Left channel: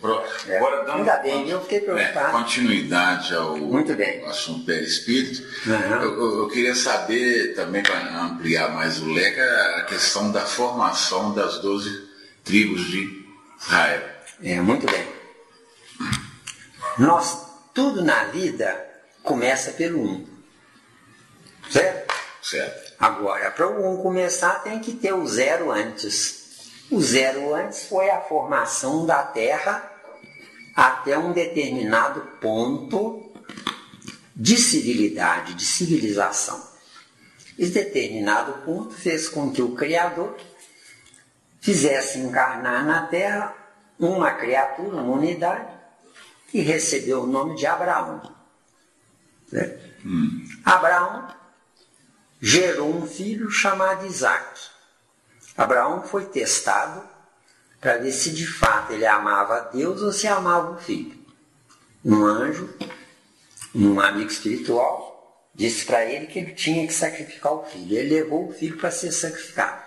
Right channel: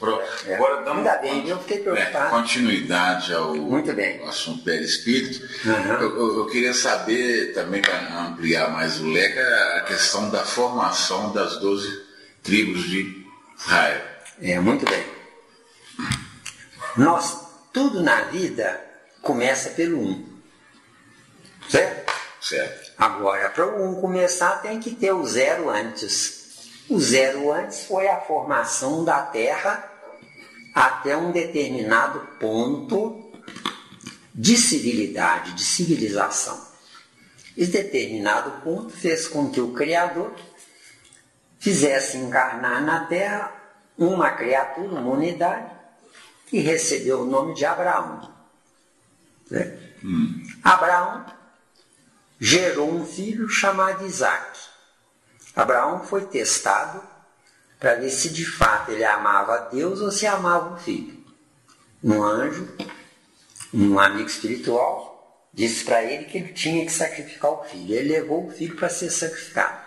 Agora dando ainda bem, eu fiquei preocupado. Continuidade ao Muito bem. assunto perispírito. Eu queria saber, também para ampliar mais o leque, a questão da formação das 12 tribos de Israel. Muito bem. Tudo na vida começa pelo 1. Certo? Certo. Agora, para o 1 começar, tem que ter o 0 antes. O 0 antes foi a formação da Terra até um determinado ponto de civilidade, de civilização. Esse determinado ponto fez com que o Criador fizesse encarnar na Terra uma criatura, uma unidade, que recebeu o nome de Abraão. Certo? Abraão gerou um filho chamado Isaac. Abraão foi testado para ver se de fato ele amava Deus ou se amava o filho. Um anjo, um amigo espiritual, disse para ele que ele tinha que sacrificar o filho. Ele levou o filho para ser sacrificado.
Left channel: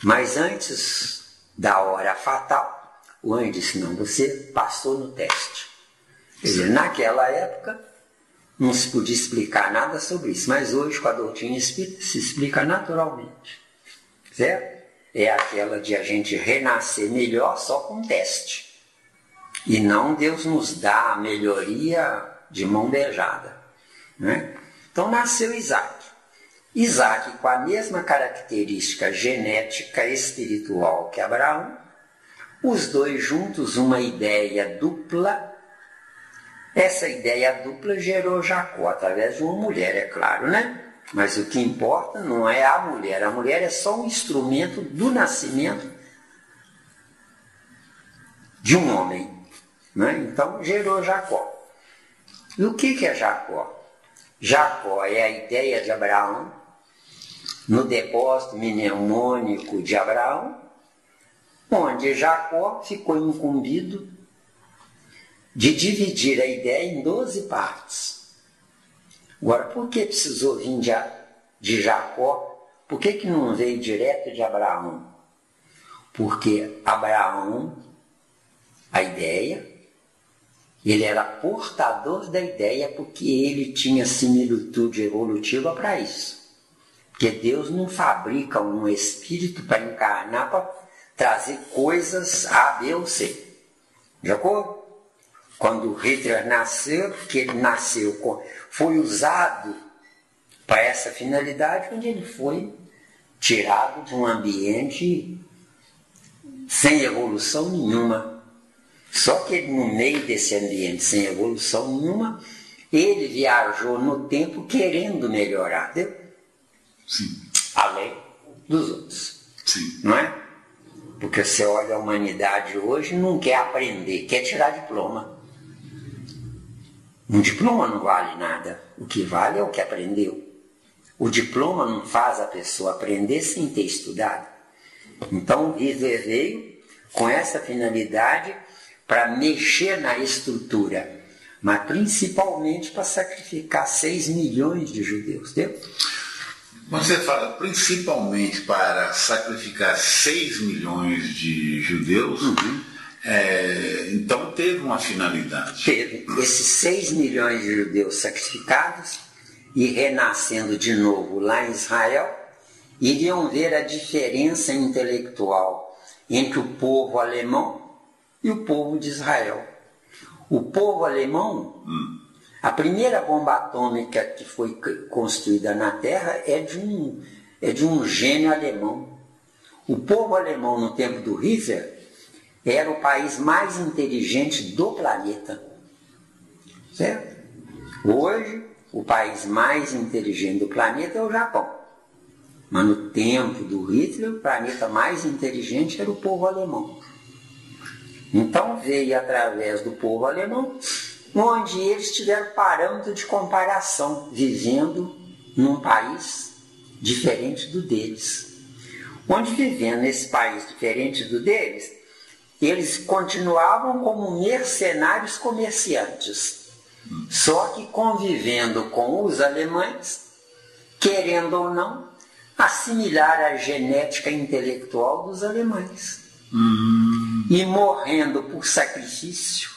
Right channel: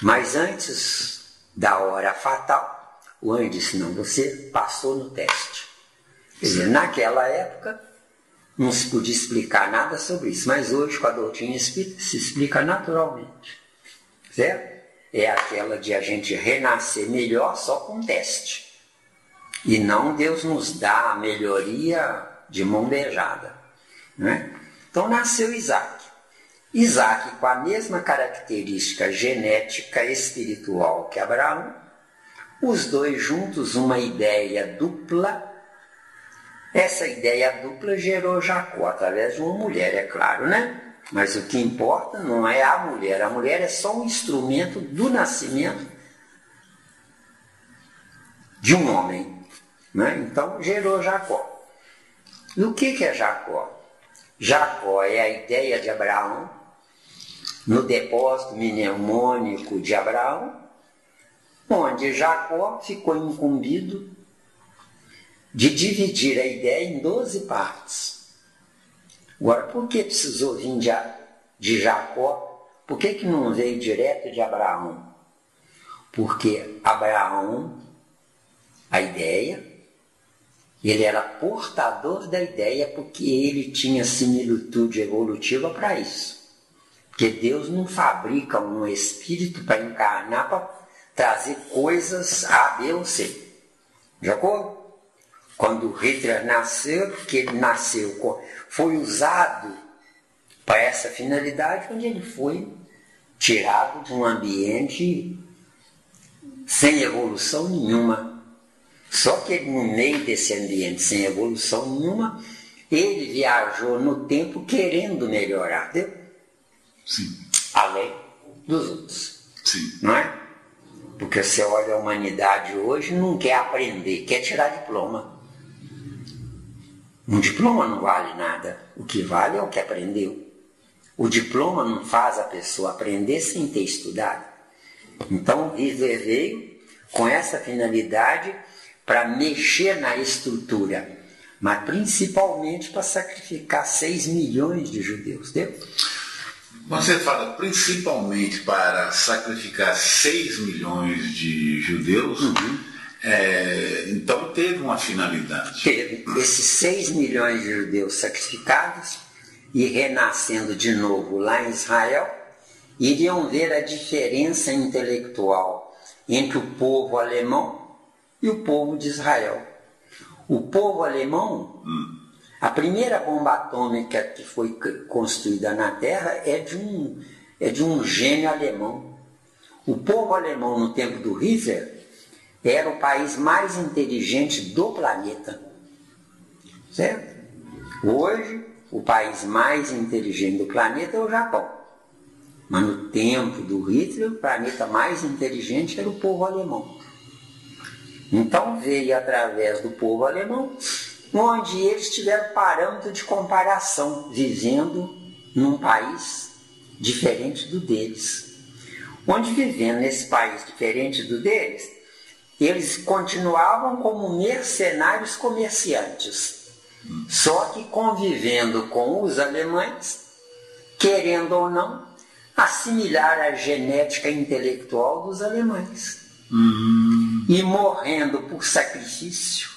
Mas antes da hora fatal, o anjo disse: não, você passou no teste. Quer dizer, naquela época não se podia explicar nada sobre isso, mas hoje com a doutrina espírita se explica naturalmente. Certo? É aquela de a gente renascer melhor só com teste. E não Deus nos dá a melhoria de mão beijada. Né? Então nasceu Isaac. Isaac, com a mesma característica genética espiritual que Abraão, os dois juntos, uma ideia dupla. Essa ideia dupla gerou Jacó através de uma mulher, é claro, né? Mas o que importa não é a mulher é só um instrumento do nascimento de um homem. Né? Então gerou Jacó. E o que é Jacó? Jacó é a ideia de Abraão no depósito mnemônico de Abraão, onde Jacó ficou incumbido de dividir a ideia em 12 partes. Agora, por que precisou vir de Jacó? Por que não veio direto de Abraão? Porque Abraão, a ideia, ele era portador da ideia porque ele tinha similitude evolutiva para isso. Porque Deus não fabrica um espírito para encarnar, para trazer coisas A, B ou C. Jacó? Quando Hitler nasceu, porque ele nasceu, foi usado para essa finalidade, quando ele foi tirado de um ambiente sem evolução nenhuma. Só que no meio desse ambiente sem evolução nenhuma, ele viajou no tempo querendo melhorar, entendeu? Sim. Além dos outros. Sim. Não é? Porque você olha a humanidade hoje, não quer aprender, quer tirar diploma. Um diploma não vale nada. O que vale é o que aprendeu. O diploma não faz a pessoa aprender sem ter estudado. Então, o Hitler veio com essa finalidade para mexer na estrutura, mas principalmente para sacrificar 6 milhões de judeus. Entendeu? Você fala principalmente para sacrificar 6 milhões de judeus. Então teve uma finalidade. Teve esses 6 milhões de judeus sacrificados e renascendo de novo lá em Israel, iriam ver a diferença intelectual entre o povo alemão e o povo de Israel. O povo alemão, a primeira bomba atômica que foi construída na Terra é de um gênio alemão. O povo alemão no tempo do Hitler era o país mais inteligente do planeta. Certo? Hoje, o país mais inteligente do planeta é o Japão. Mas no tempo do Hitler, o planeta mais inteligente era o povo alemão. Então veio através do povo alemão, onde eles tiveram parâmetro de comparação, vivendo num país diferente do deles. Onde vivendo nesse país diferente do deles, eles continuavam como mercenários comerciantes, só que convivendo com os alemães, querendo ou não, assimilar a genética intelectual dos alemães. E morrendo por sacrifício,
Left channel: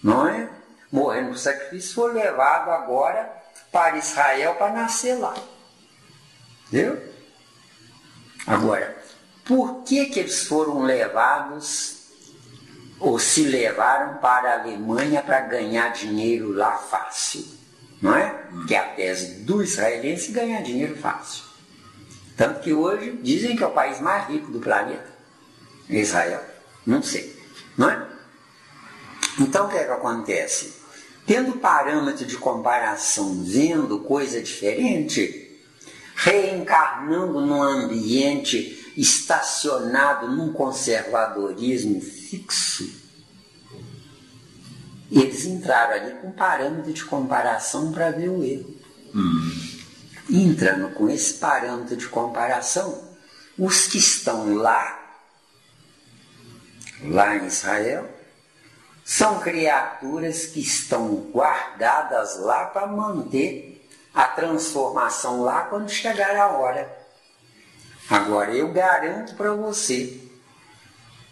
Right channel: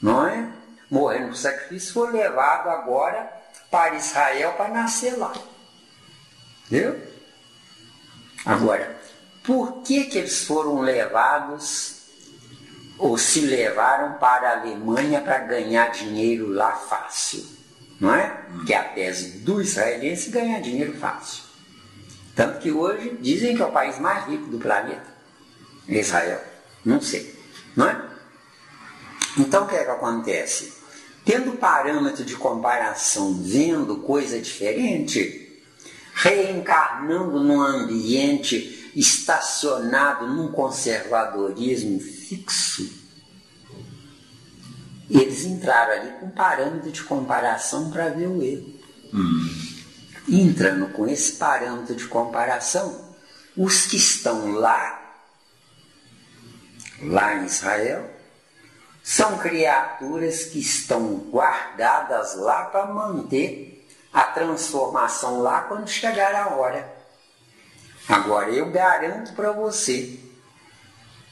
não é? Morrendo por sacrifício, foi levado agora para Israel para nascer lá. Entendeu? Agora, por que eles foram levados ou se levaram para a Alemanha para ganhar dinheiro lá fácil? Não é? Que a tese do israelense ganhar dinheiro fácil. Tanto que hoje dizem que é o país mais rico do planeta. Israel. Não sei. Não é? Então o que é que acontece? Tendo parâmetro de comparação, vendo coisa diferente, reencarnando num ambiente estacionado num conservadorismo fixo, eles entraram ali com parâmetro de comparação para ver o erro. Entrando com esse parâmetro de comparação, os que estão lá em Israel, são criaturas que estão guardadas lá para manter a transformação lá quando chegar a hora. Agora, eu garanto para você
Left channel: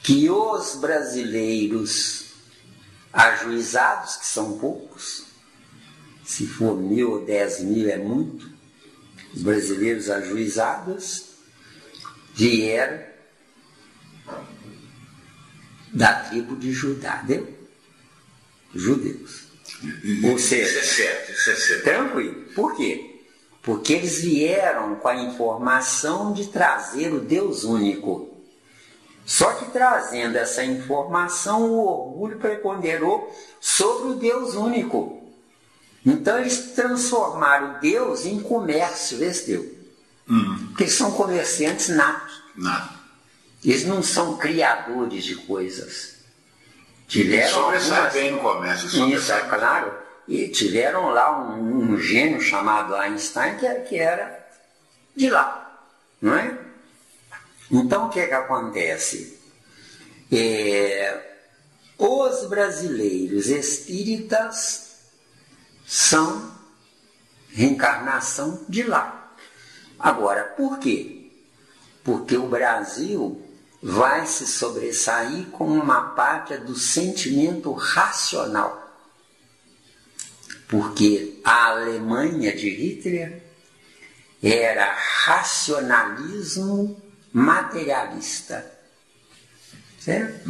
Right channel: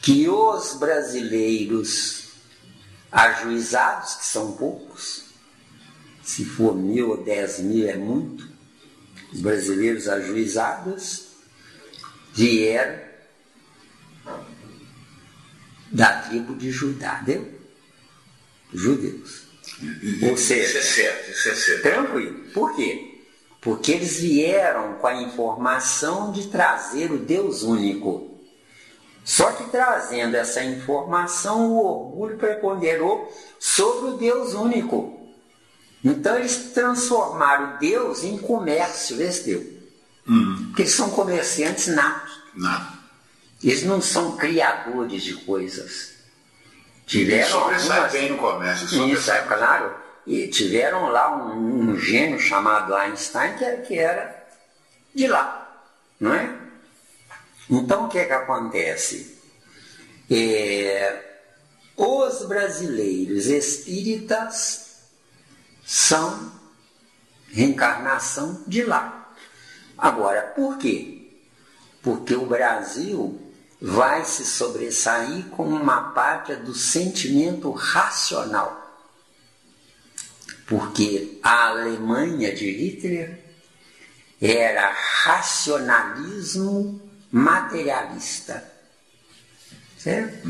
que os brasileiros ajuizados, que são poucos, se for 1.000 ou 10.000 é muito, os brasileiros ajuizados vieram da tribo de Judá, judeus. Ou seja, isso é certo. Tranquilo. Por quê? Porque eles vieram com a informação de trazer o Deus único. Só que trazendo essa informação, o orgulho preponderou sobre o Deus único. Então eles transformaram Deus em comércio, vê se deu. Porque eles são comerciantes natos. Eles não são criadores de coisas. Sobressai bem no comércio. Isso é claro. E tiveram lá um gênio chamado Einstein que era de lá. Não é? Então o que é que acontece? Os brasileiros espíritas são reencarnação de lá. Agora, por quê? Porque o Brasil vai se sobressair com uma parte do sentimento racional. Porque a Alemanha de Hitler era racionalismo materialista. Certo?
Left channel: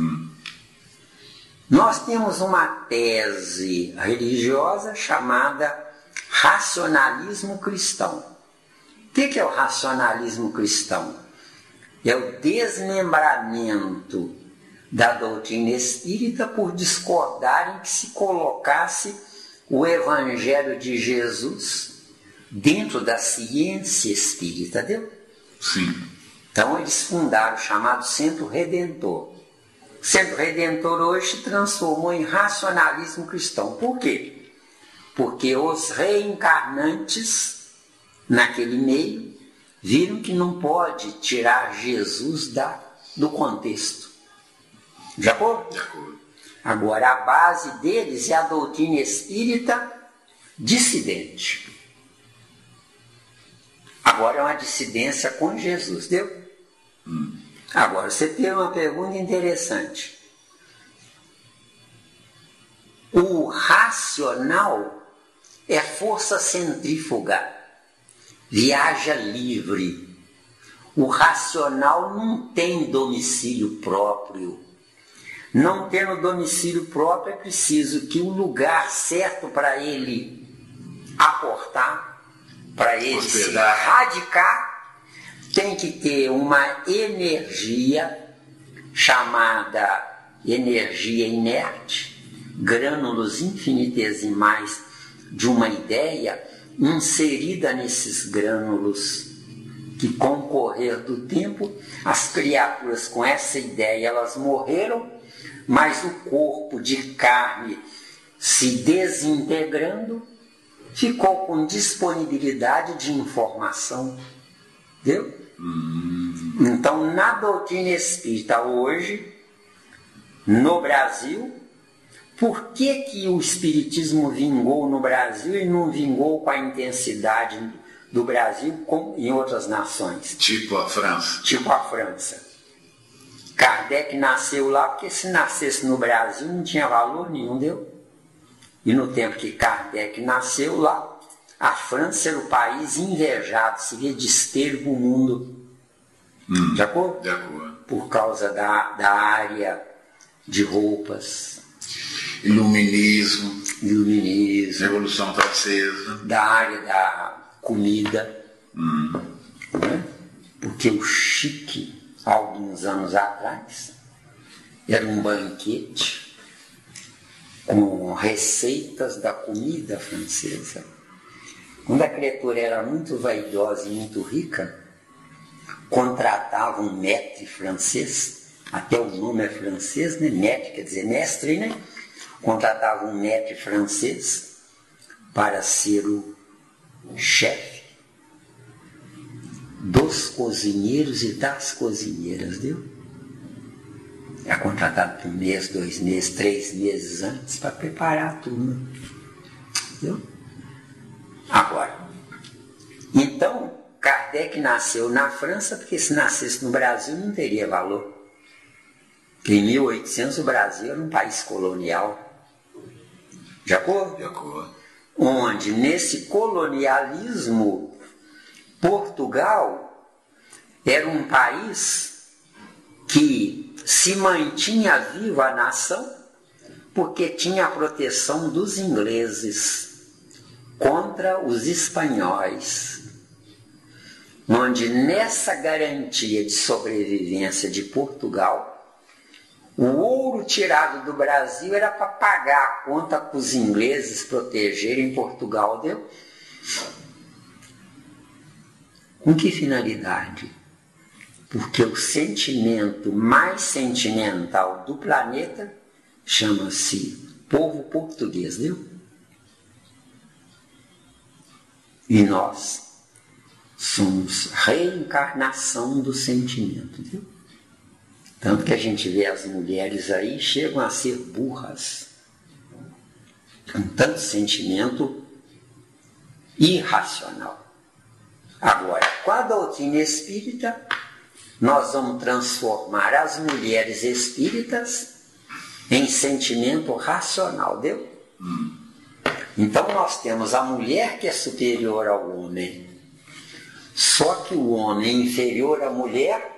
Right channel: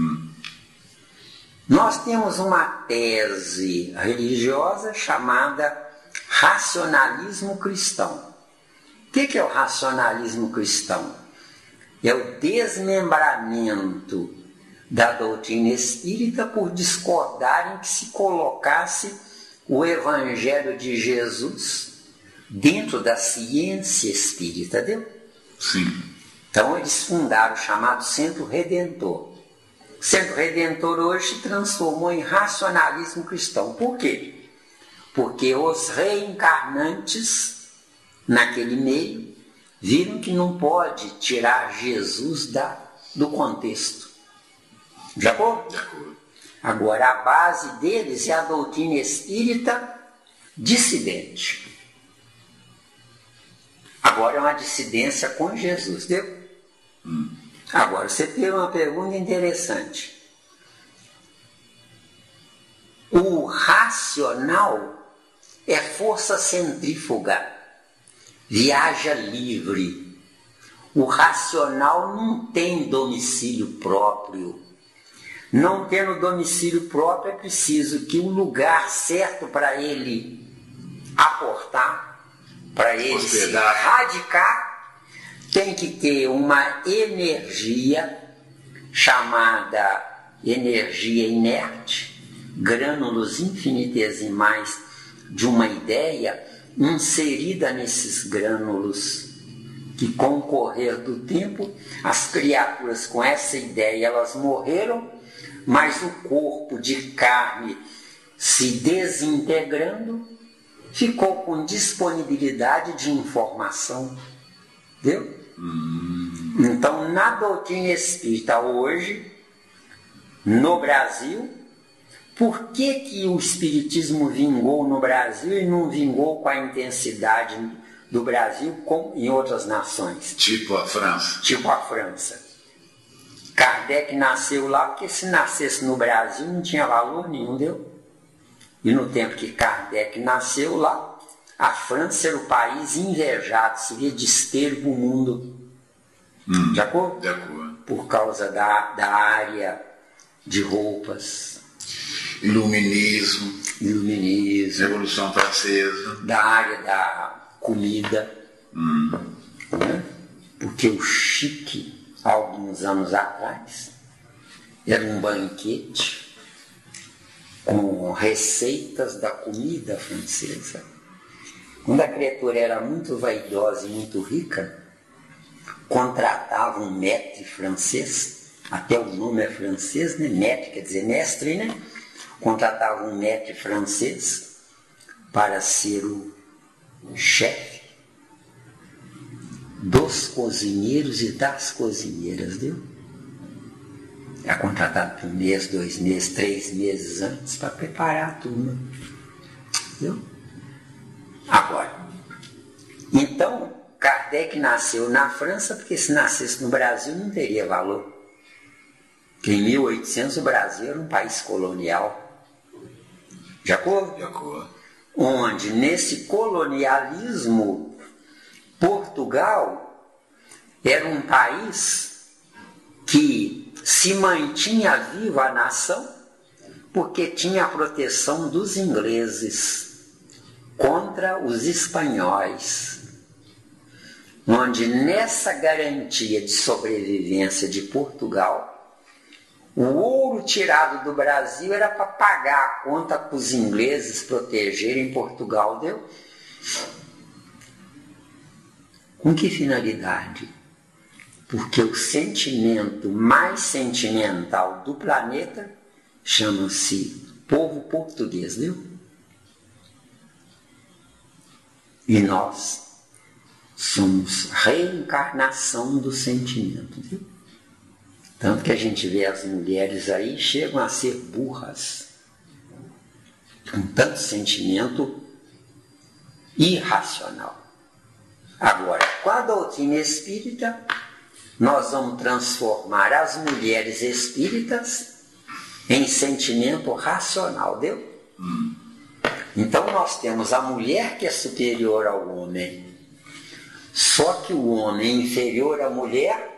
Nós temos uma tese religiosa chamada racionalismo cristão. O que é o racionalismo cristão? É o desmembramento da doutrina espírita por discordarem que se colocasse o Evangelho de Jesus dentro da ciência espírita, entendeu? Sim. Então eles fundaram o chamado Centro Redentor. O Centro Redentor hoje se transformou em racionalismo cristão. Por quê? Porque os reencarnantes naquele meio viram que não pode tirar Jesus do contexto. De acordo? De acordo. Agora, a base deles é a doutrina espírita dissidente. Agora é uma dissidência com Jesus, deu? Agora, você tem uma pergunta interessante. O racional é força centrífuga, viaja livre. O racional não tem domicílio próprio. Não tendo domicílio próprio, é preciso que o lugar certo para ele aportar, para ele se radicar, tem que ter uma energia chamada energia inerte, grânulos infinitesimais de uma ideia inserida nesses grânulos, que com o correr do tempo, as criaturas com essa ideia, elas morreram, mas o corpo de carne se desintegrando, ficou com disponibilidade de informação. Entendeu? Então, na doutrina espírita hoje, no Brasil, por que o espiritismo vingou no Brasil e não vingou com a intensidade do Brasil como em outras nações? Tipo a França. Tipo a França. Kardec nasceu lá, porque se nascesse no Brasil não tinha valor nenhum, deu? E no tempo que Kardec nasceu lá, a França era o país invejado, seria desterro do mundo. De acordo? De acordo. Por causa da área de roupas. Iluminismo. Revolução Francesa. Da área da comida. Porque o chique, alguns anos atrás, era um banquete com receitas da comida francesa. Quando a criatura era muito vaidosa e muito rica, contratava um maître francês, até o nome é francês, né? Maître quer dizer mestre, né? Contratava um maître francês para ser o chefe dos cozinheiros e das cozinheiras, viu? Era contratado por 1 mês, 2 meses, 3 meses antes para preparar a turma. Viu? Agora, então, Kardec nasceu na França, porque se nascesse no Brasil não teria valor. Porque em 1800 o Brasil era um país colonial. De acordo? De acordo. Onde, nesse colonialismo, Portugal era um país que se mantinha viva a nação porque tinha a proteção dos ingleses contra os espanhóis, onde nessa garantia de sobrevivência de Portugal, o ouro tirado do Brasil era para pagar a conta para os ingleses protegerem Portugal, deu? Com que finalidade? Porque o sentimento mais sentimental do planeta chama-se povo português, viu? E nós somos reencarnação do sentimento, viu? Tanto que a gente vê as mulheres aí chegam a ser burras, com tanto sentimento irracional. Agora, com a doutrina espírita, nós vamos transformar as mulheres espíritas em sentimento racional, deu? Então nós temos a mulher que é superior ao homem. Só que o homem inferior à mulher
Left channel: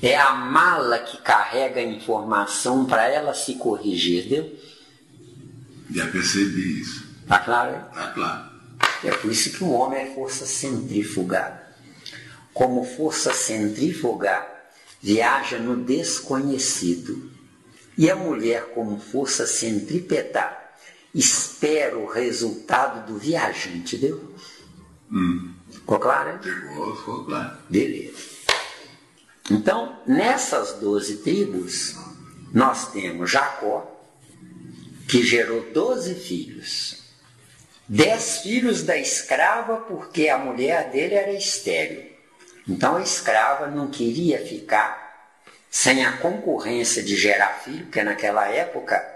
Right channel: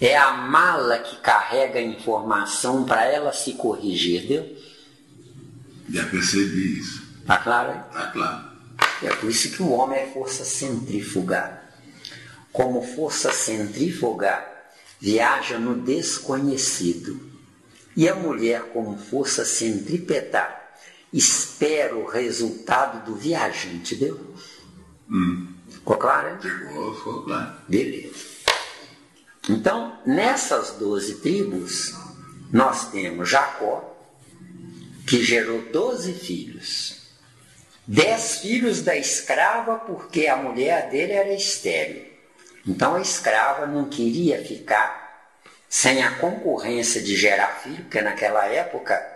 é a mala que carrega a informação para ela se corrigir, deu? Já percebi isso. Tá claro? Tá claro. É por isso que o homem é força centrífuga. Como força centrífuga, viaja no desconhecido. E a mulher, como força centrípeta, espera o resultado do viajante, deu? Ficou claro? Ficou claro. Beleza. Então, nessas 12 tribos, nós temos Jacó, que gerou 12 filhos. 10 filhos da escrava, porque a mulher dele era estéril. Então a escrava não queria ficar sem a concorrência de gerar filho, porque naquela época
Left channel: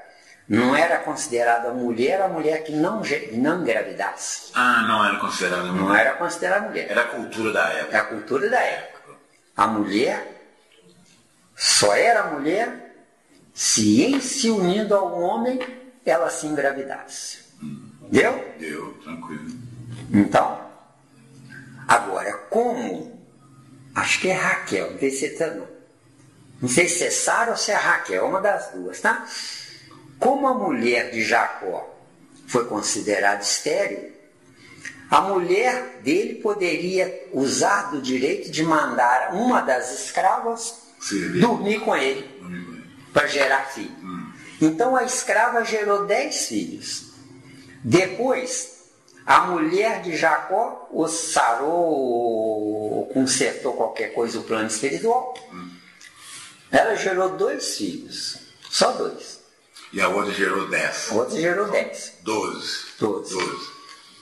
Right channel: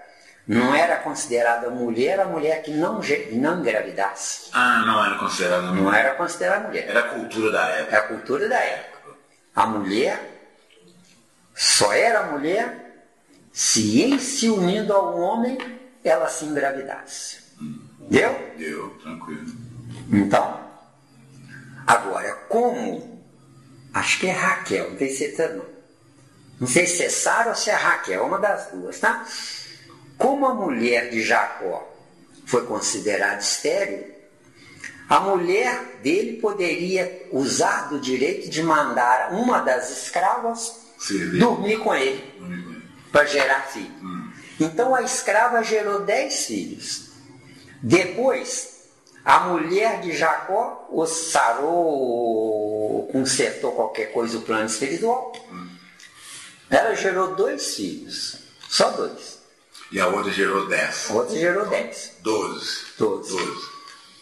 não era considerada mulher a mulher que não engravidasse. Ah, não era considerada mulher. Não era considerada mulher. Era a cultura da época. Era a cultura da época. A mulher só era mulher se, em se unindo ao homem, ela se engravidasse. Deu? Deu, tranquilo. Então, agora, como? Acho que é Raquel, não sei se é Sara ou se é Raquel, uma das duas, tá? Como a mulher de Jacó foi considerada estéril, a mulher dele poderia usar do direito de mandar uma das escravas dormir com ele para gerar filho. Então a escrava gerou 10 filhos. Depois, a mulher de Jacó o sarou, consertou qualquer coisa o plano espiritual. Ela gerou 2 filhos, só 2. E a outra gerou 10. A outra gerou 10. 12.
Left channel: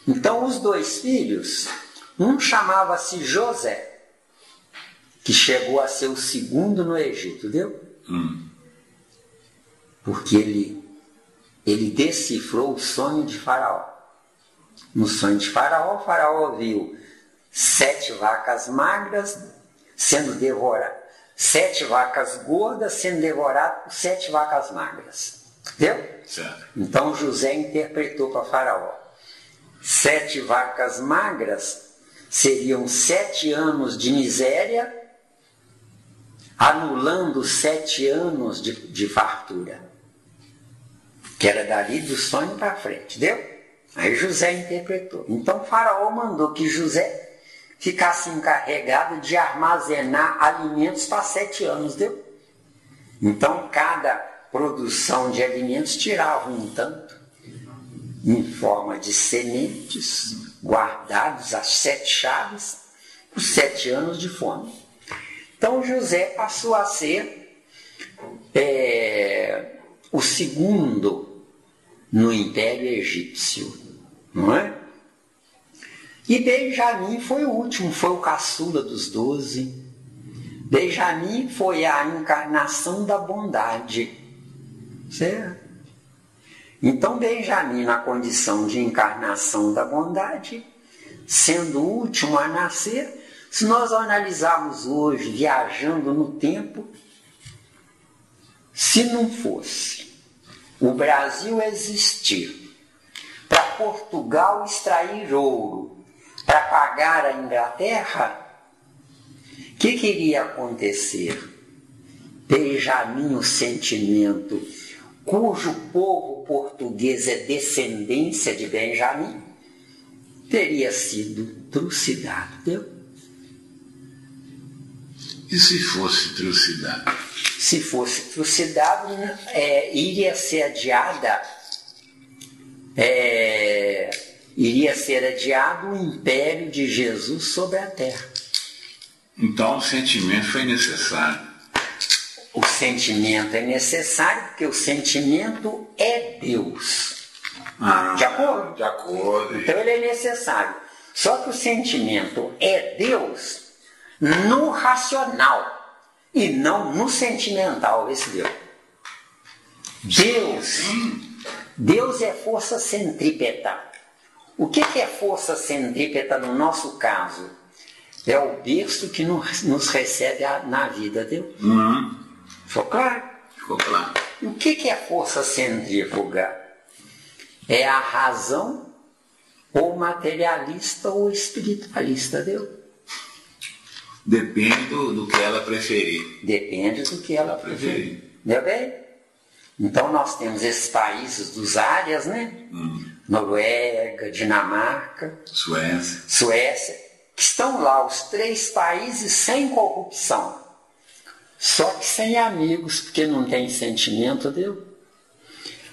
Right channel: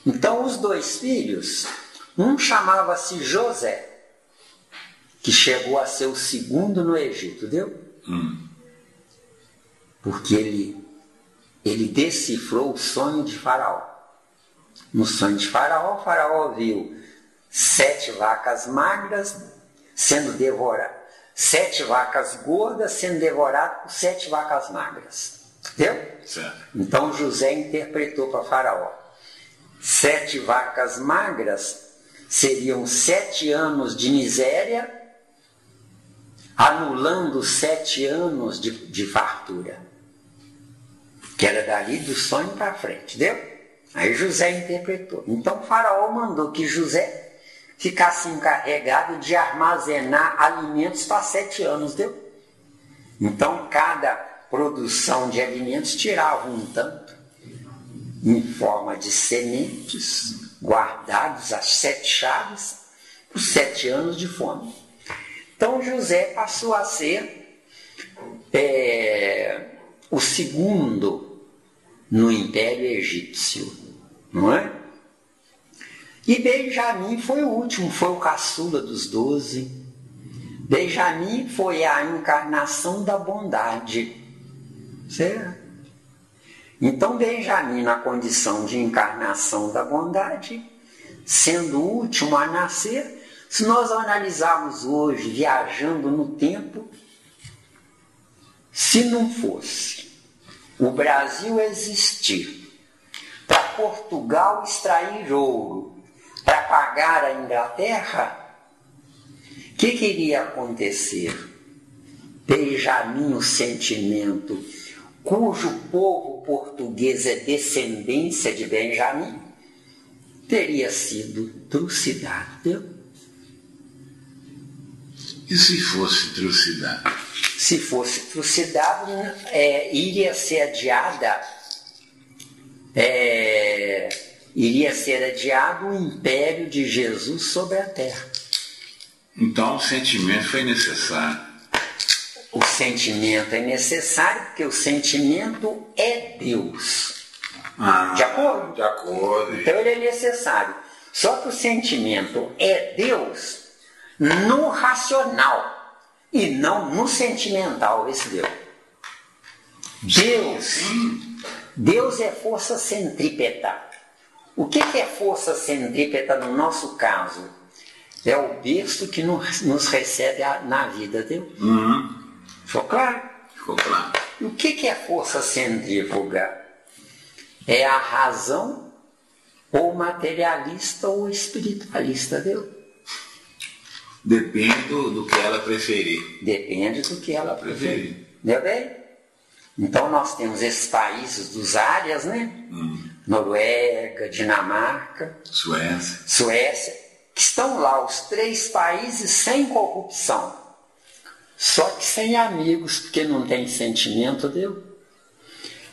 Então os 2 filhos, um chamava-se José, que chegou a ser o segundo no Egito, viu? Porque ele decifrou o sonho de Faraó. No sonho de Faraó, Faraó viu 7 vacas magras sendo devoradas, 7 vacas gordas sendo devoradas por 7 vacas magras. Entendeu? Certo. Então José interpretou para Faraó. 7 vacas magras seriam 7 anos de miséria, anulando 7 anos de fartura. Que era dali do sonho para frente, entendeu? Aí José interpretou. Então Faraó mandou que José ficasse encarregado de armazenar alimentos para 7 anos, entendeu? Então cada produção de alimentos tirava um tanto, em forma de sementes, guardados às 7 chaves, por 7 anos de fome. Então José passou a ser o segundo no Império Egípcio, não é? E Benjamim foi o último, foi o caçula dos 12. Benjamim foi a encarnação da bondade, certo? Então Benjamim, na condição de encarnação da bondade, sendo o último a nascer, se nós analisarmos hoje, viajando no tempo, se não fosse o Brasil existir para Portugal extrair ouro, para pagar a Inglaterra, o que iria acontecer? Benjamim, o sentimento, cujo povo português é descendência de Benjamim, teria sido trucidado. E se fosse trucidado? Se fosse trucidado, iria ser adiada, iria ser adiado o império de Jesus sobre a terra. Então o sentimento foi necessário. O sentimento é necessário porque o sentimento é Deus. De acordo? De acordo. Então ele é necessário. Só que o sentimento é Deus no racional e não no sentimental, esse Deus. Deus é força centrípeta. O que é força centrípeta no nosso caso? É o berço que nos recebe na vida, entendeu? Ficou claro? Ficou claro. O que é força centrífuga? É a razão ou materialista ou espiritualista, entendeu? Depende do que ela preferir. Depende do que ela preferir. Entendeu bem? Então nós temos esses países dos áreas, né? Noruega, Dinamarca, Suécia, que estão lá os 3 países sem corrupção. Só que sem amigos, porque não tem sentimento, entendeu?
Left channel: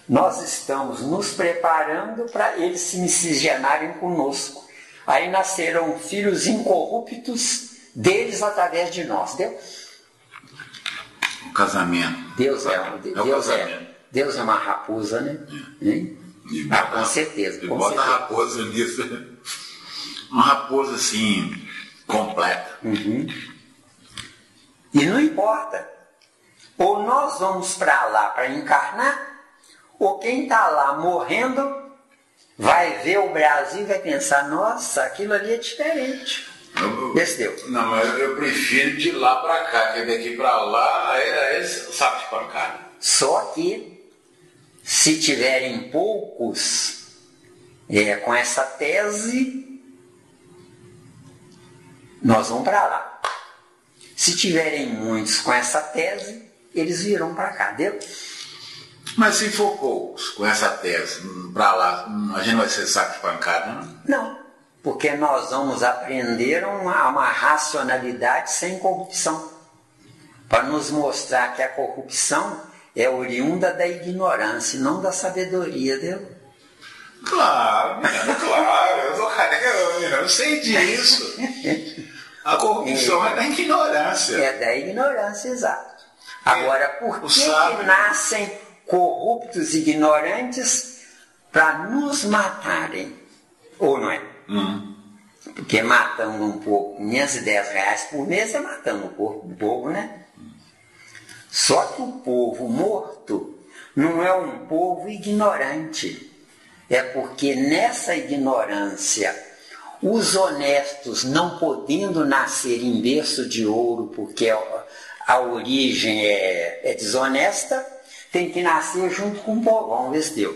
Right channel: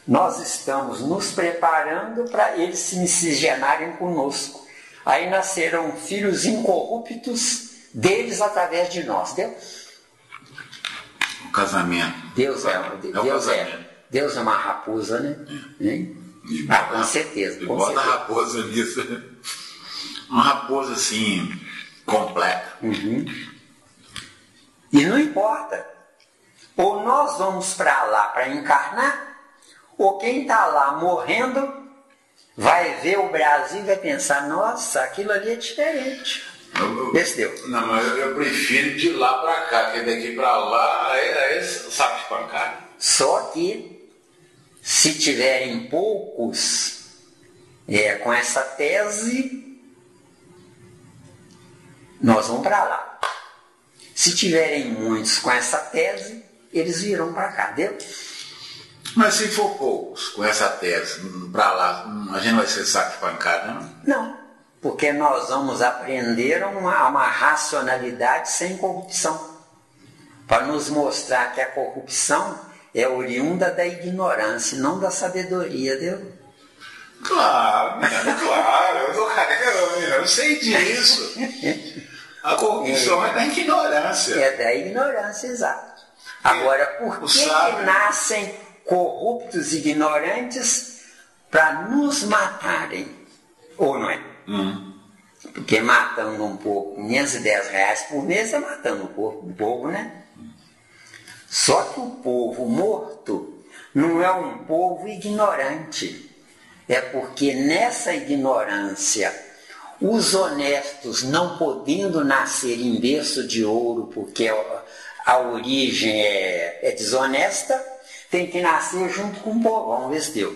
Nós estamos nos preparando para eles se miscigenarem conosco. Aí nascerão filhos incorruptos deles através de nós, entendeu? O casamento. Deus é uma raposa, né? Com certeza. Bota a raposa nisso. Uma raposa assim, completa. E não importa. Ou nós vamos para lá para encarnar, ou quem está lá morrendo vai ver o Brasil e vai pensar, nossa, aquilo ali é diferente. Não, mas eu prefiro de lá para cá, porque daqui para lá é saco de pancada. Só que, se tiverem poucos com essa tese, nós vamos para lá. Se tiverem muitos com essa tese, eles virão para cá, entendeu? Mas se for poucos com essa tese para lá, a gente vai ser saco de pancada, não? Não. Porque nós vamos aprender uma racionalidade sem corrupção. Para nos mostrar que a corrupção é oriunda da ignorância, não da sabedoria, entendeu? Claro, eu sou careca, eu sei disso. A corrupção é da ignorância. É da ignorância, exato. Agora, por que nascem corruptos e ignorantes? Para nos matarem, ou não é? Porque matando um porco, R$510 por mês, é matando um porco, né? Só que o povo morto não é um povo ignorante. É porque nessa ignorância, os honestos não podendo nascer em berço de ouro, porque a origem é desonesta, tem que nascer junto com o povão desse Deus.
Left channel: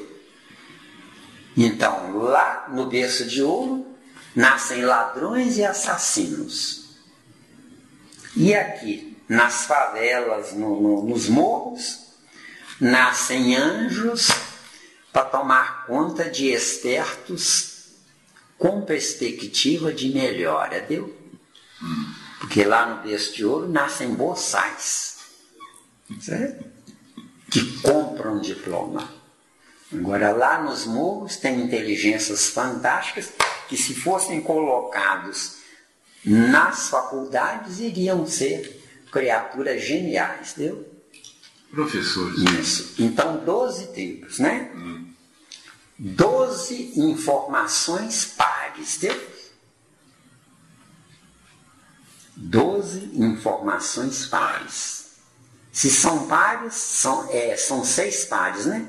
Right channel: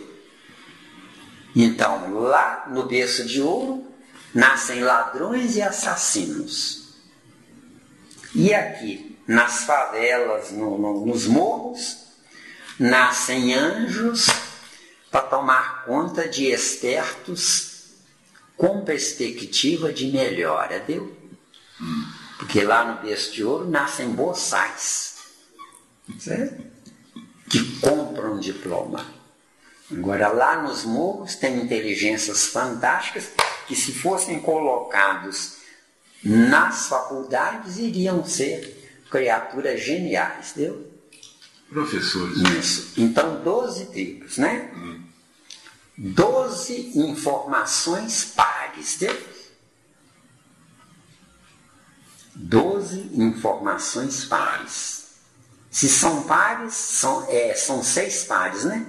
Então, lá no berço de ouro, nascem ladrões e assassinos. E aqui, nas favelas, nos morros, nascem anjos para tomar conta de espertos com perspectiva de melhora, viu? Porque lá no berço de ouro nascem boçais, certo? Que compram diploma. Agora lá nos morros tem inteligências fantásticas que, se fossem colocados nas faculdades, iriam ser criaturas geniais, viu? Professores. Isso. Então, 12 tipos, né? 12 informações pares, viu? 12 informações pares. Se são pares, são 6 pares, né?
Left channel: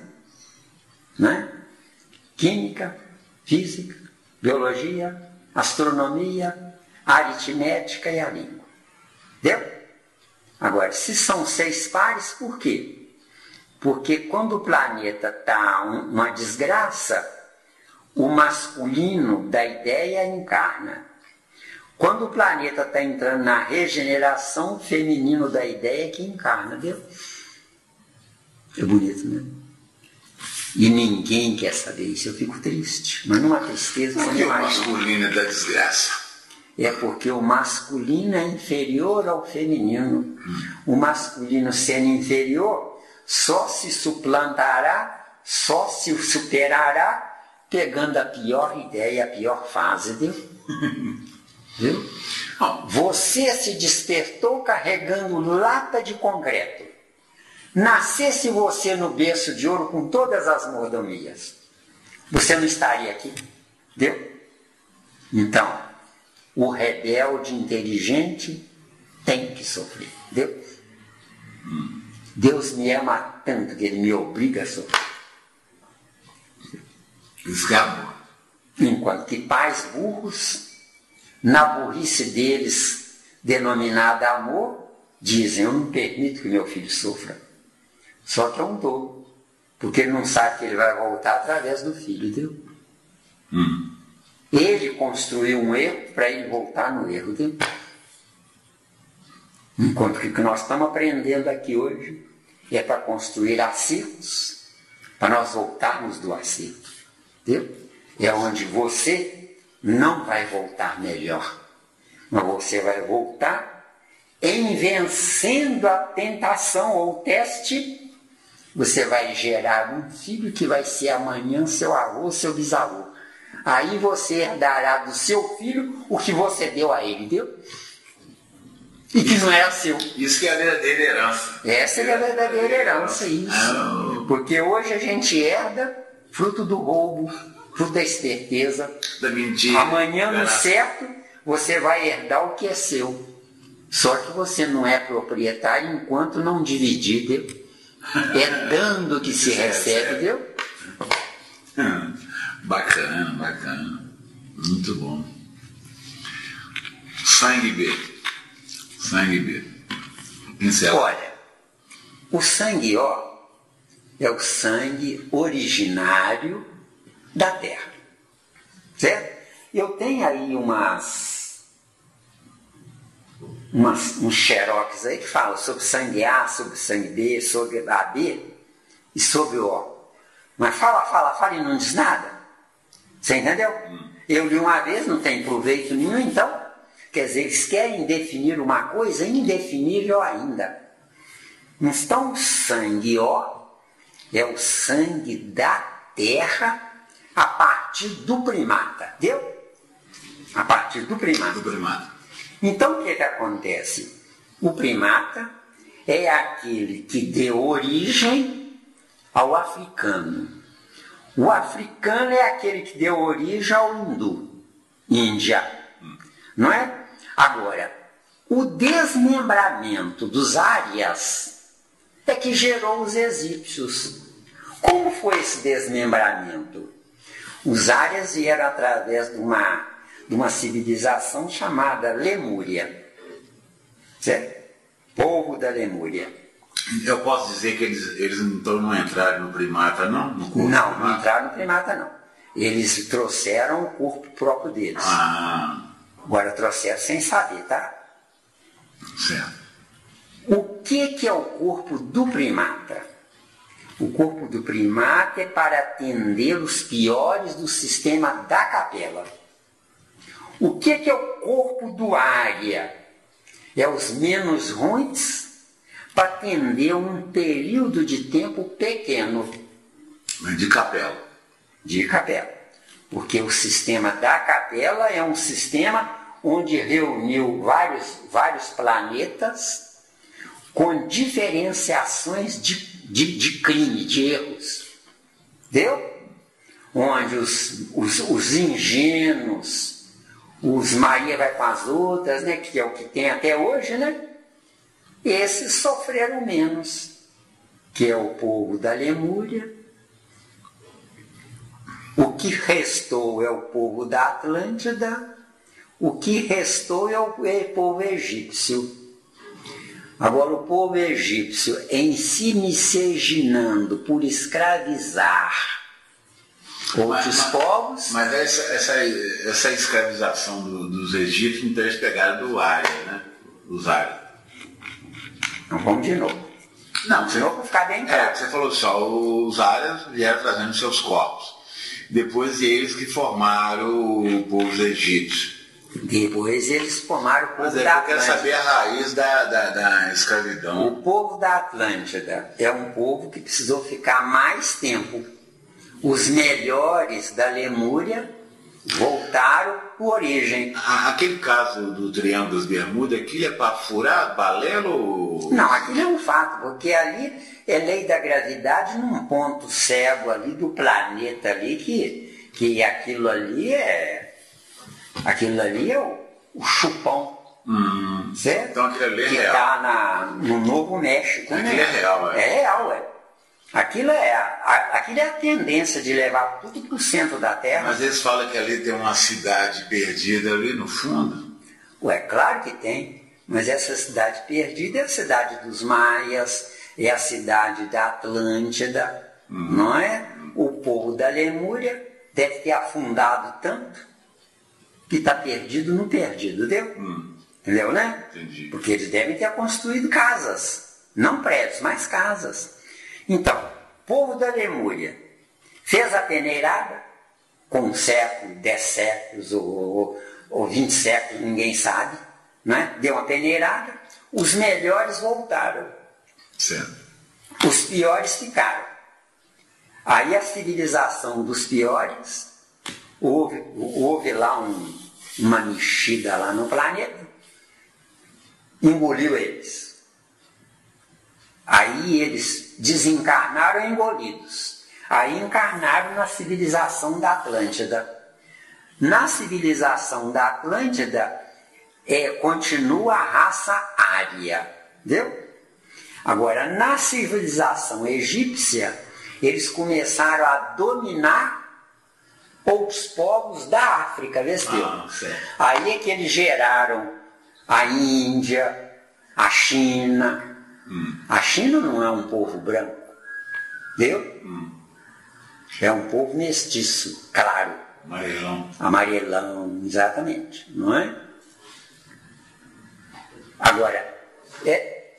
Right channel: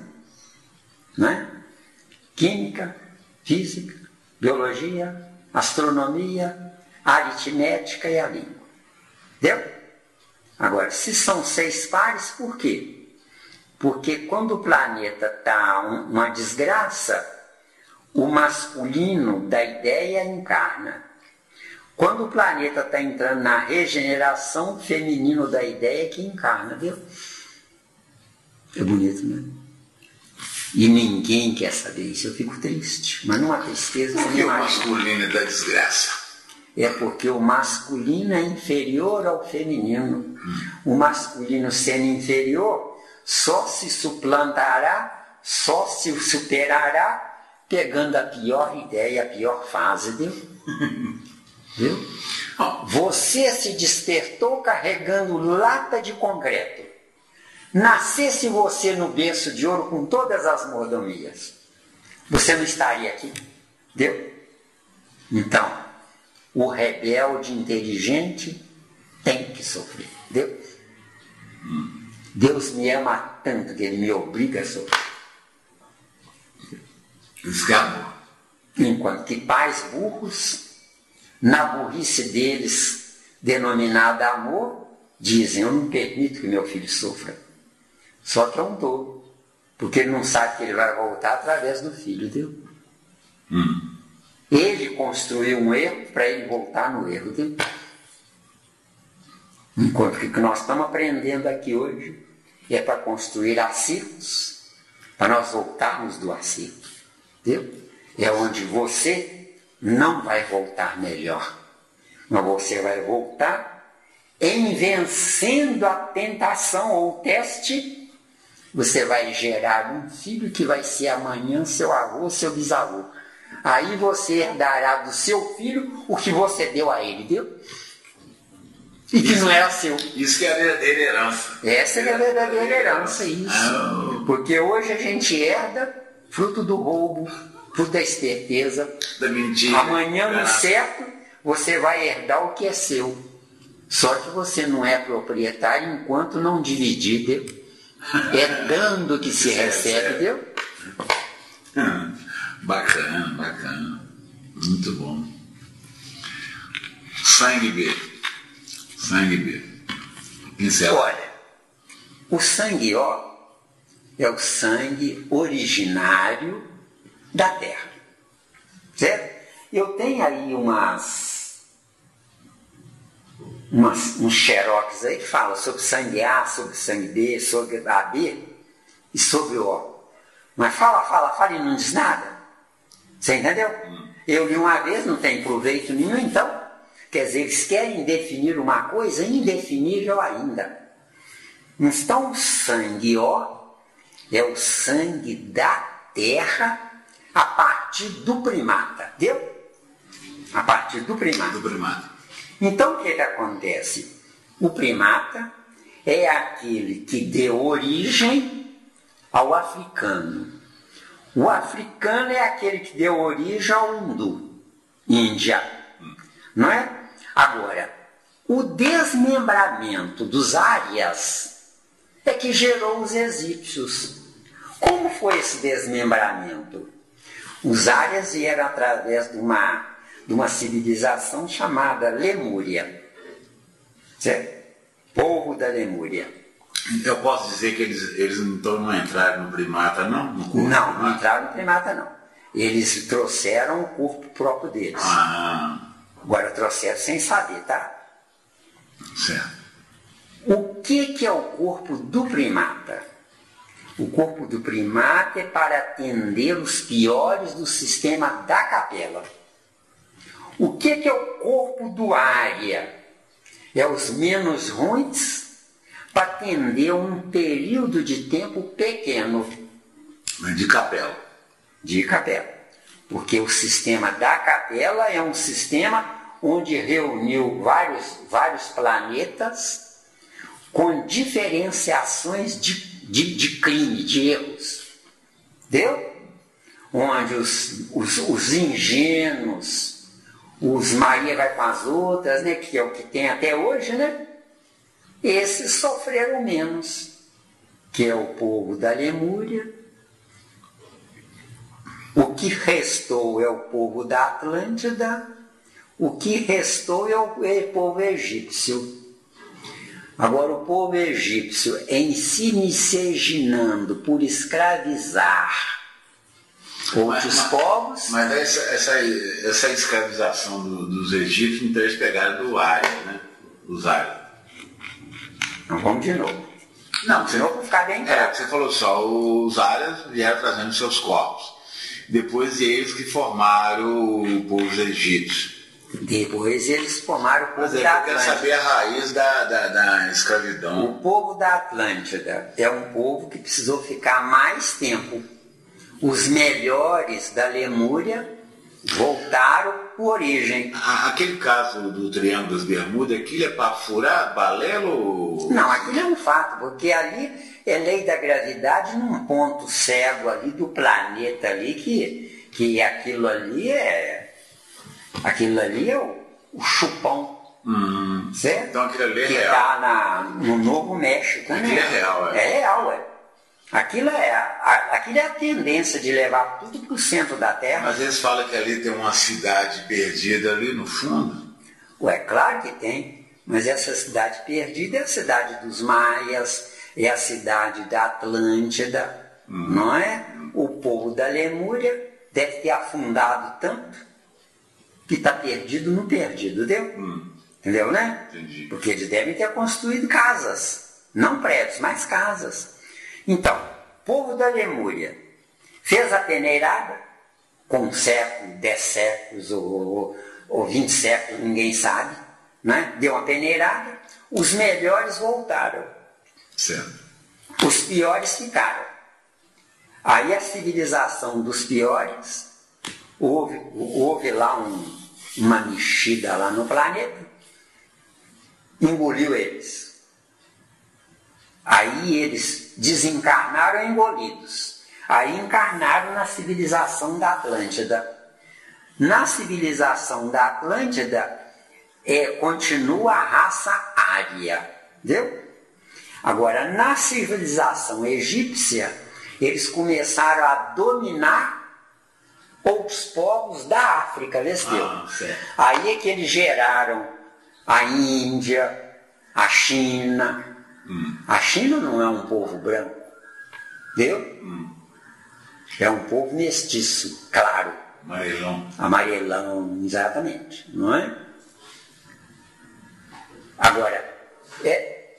Química, física, biologia, astronomia, aritmética e a língua. Entendeu? Agora, se são 6 pares, por quê? Porque quando o planeta está uma desgraça, o masculino da ideia encarna. Quando o planeta está entrando na regeneração, o feminino da ideia é que encarna, viu? É bonito, né? E ninguém quer saber isso, eu fico triste. Mas não há tristeza. Por que o masculino é da desgraça? É porque o masculino é inferior ao feminino. O masculino sendo inferior só se suplantará, só se superará, pegando a pior ideia, a pior fase, viu? Viu? Você se despertou carregando lata de concreto. Nascesse você no berço de ouro com todas as mordomias, você não estaria aqui, entendeu? Então, o rebelde inteligente tem que sofrer, entendeu? Deus me ama tanto que Ele me obriga a sofrer. Escapa. Enquanto que pais burros, na burrice deles, denominada amor, dizem: eu não permito que meu filho sofra. Só que é um tolo, porque ele não sabe que ele vai voltar através do filho, viu? Ele construiu um erro para ele voltar no erro, viu? Enquanto que o que nós estamos aprendendo aqui hoje é para construir acertos, para nós voltarmos do acerto, viu? É onde você não vai voltar melhor, mas você vai voltar em vencendo a tentação ou teste. Você vai gerar um filho que vai ser amanhã seu avô, seu bisavô. Aí você herdará do seu filho o que você deu a ele, viu? E que não era seu. Isso que é a verdadeira herança. Essa é a verdadeira herança, isso. Porque hoje a gente herda fruto do roubo, fruto da esperteza. Da mentira. Amanhã, no certo, você vai herdar o que é seu. Só que você não é proprietário enquanto não dividir, viu? É dando que se recebe, viu? Bacana, bacana. Muito bom. Sangue B. Sangue B. Pincel. Olha, o sangue O é o sangue originário da Terra. Certo? Eu tenho aí uns xerox aí que falam sobre sangue A, sobre sangue B, sobre AB e sobre O. Mas fala e não diz nada. Você entendeu? Eu li uma vez, não tem proveito nenhum, então. Quer dizer, eles querem definir uma coisa indefinível ainda. Então, o sangue O é o sangue da Terra a partir do primata. Entendeu? A partir do primata. Então, o que acontece? O primata é aquele que deu origem ao africano. O africano é aquele que deu origem ao hindu, Índia. Não é? Agora, o desmembramento dos árias é que gerou os egípcios. Como foi esse desmembramento? Os árias vieram através de uma civilização chamada Lemúria. Certo? Povo da Lemúria. Eu posso dizer que eles então não entraram no primata, não? Não entraram no primata, não. Eles trouxeram o corpo próprio deles. Agora trouxeram sem saber, tá? Certo. O que é o corpo do primata? O corpo do primata é para atender os piores do sistema da capela. O que é o corpo do águia? É os menos ruins para atender um período de tempo pequeno. De capela. De capela. Porque o sistema da capela é um sistema onde reuniu vários planetas com diferenciações de crime, de erros. Entendeu? Onde os ingênuos, os Maria vai com as outras, né, que é o que tem até hoje, né? Esses sofreram menos, que é o povo da Lemúria. O que restou é o povo da Atlântida, o que restou é o povo egípcio. Agora, o povo egípcio, em se miscigenando por escravizar outros povos... Mas essa escravização dos egípcios, então eles pegaram do Ária, né? Os Ários. Não, vamos de novo. Não, senão vou ficar bem claro. Você falou só, os Árias vieram trazendo seus corpos. Depois eles que formaram o povo egípcio. Depois eles formaram o povo da Atlântida. Eu quero saber a raiz da escravidão. O povo da Atlântida é um povo que precisou ficar mais tempo. Os melhores da Lemúria voltaram por origem. Aquele caso do Triângulo das Bermudas, aquilo é para furar paralelo? Não, aquilo é um fato, porque ali é lei da gravidade num ponto cego ali do planeta ali, que aquilo ali é o chupão. Certo? Então aquilo ali é que real. Está no Novo México. Aquilo é real, é? É real, é. Aquilo é a tendência de levar tudo para o centro da Terra. Mas eles falam que ali tem uma cidade perdida ali no fundo. Ué, claro que tem. Mas essa cidade perdida é a cidade dos Maias, é a cidade da Atlântida, não é? O povo da Lemúria deve ter afundado tanto que está perdido no perdido, entendeu? Entendeu, né? Entendi. Porque eles devem ter construído casas, não prédios, mas casas. Então, o povo da Lemúria fez a peneirada com um século, 10 séculos ou 20 séculos, ninguém sabe, né? Deu uma peneirada, os melhores voltaram. Certo. Os piores ficaram. Aí a civilização dos piores, houve lá uma mexida lá no planeta, engoliu eles. Aí eles desencarnaram engolidos. Aí encarnaram na civilização da Atlântida. Na civilização da Atlântida continua a raça ária. Entendeu? Agora, na civilização egípcia, eles começaram a dominar outros povos da África, aí é que eles geraram a Índia, a China. A China não é um povo branco, viu? É um povo mestiço, claro. Amarelão. Amarelão, exatamente, não é? Agora,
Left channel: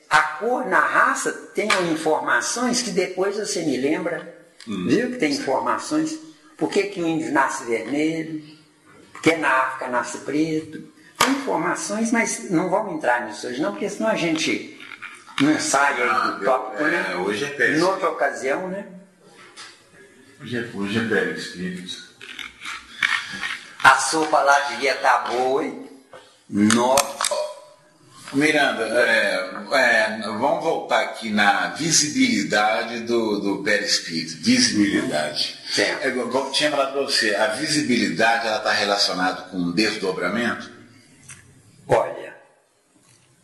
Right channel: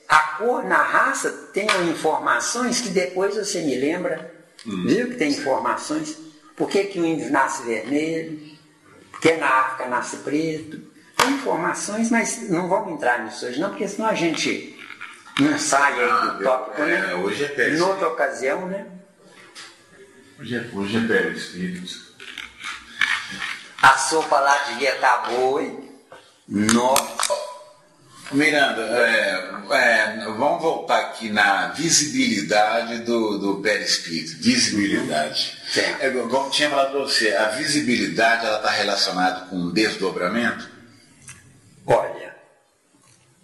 a cor na raça tem informações que depois você me lembra, viu que tem informações. Por que o índio nasce vermelho? Por que na África nasce preto? Tem informações, mas não vamos entrar nisso hoje não, porque senão a gente não sai do tópico, né? Hoje é péssimo. Em outra ocasião, né? Hoje é péssimo. A sopa lá devia estar boa, hein? Nossa! Miranda, vamos voltar aqui na visibilidade do perispírito. Visibilidade. Como eu tinha falado para você, a visibilidade está relacionada com desdobramento? Olha,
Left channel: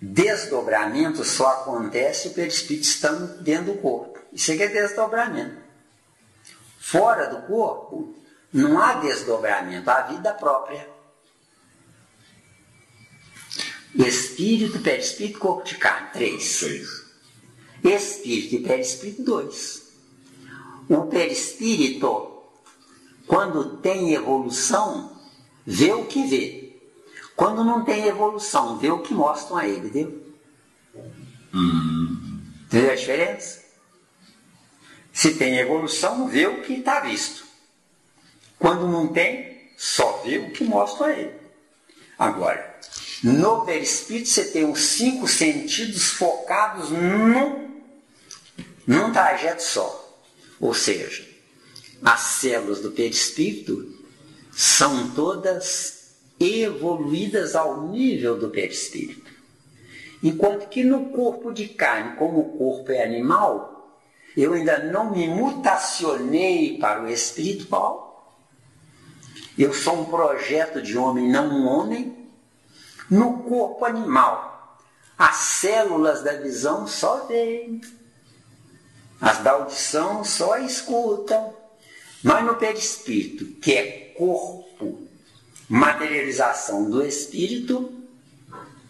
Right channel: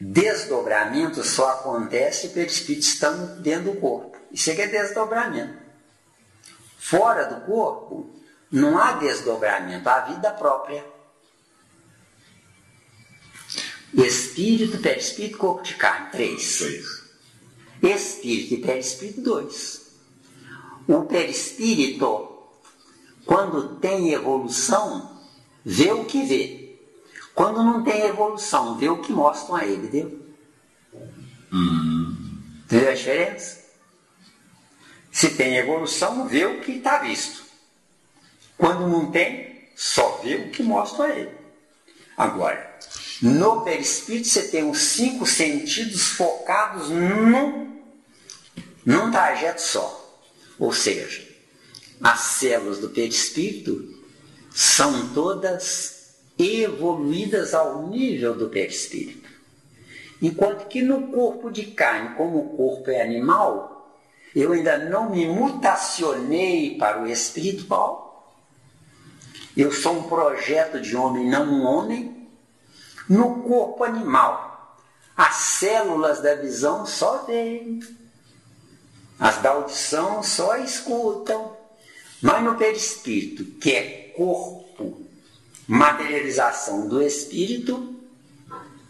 desdobramento só acontece se o perispírito estando dentro do corpo. Isso é desdobramento. Fora do corpo, não há desdobramento, há vida própria. Espírito, perispírito, corpo de carne, 3. Espírito e perispírito, 2. O perispírito, quando tem evolução, vê o que vê. Quando não tem evolução, vê o que mostram a ele, entendeu? Entendeu a diferença? Se tem evolução, vê o que está visto. Quando não tem, só vê o que mostram a ele. Agora, no perispírito você tem os 5 sentidos focados num trajeto só. Ou seja, as células do perispírito são todas evoluídas ao nível do perispírito. Enquanto que no corpo de carne, como o corpo é animal, eu ainda não me mutacionei para o espiritual. Eu sou um projeto de homem, não um homem. No corpo animal, as células da visão só veem, as da audição só escutam. Mas no perispírito, que é corpo, materialização do espírito,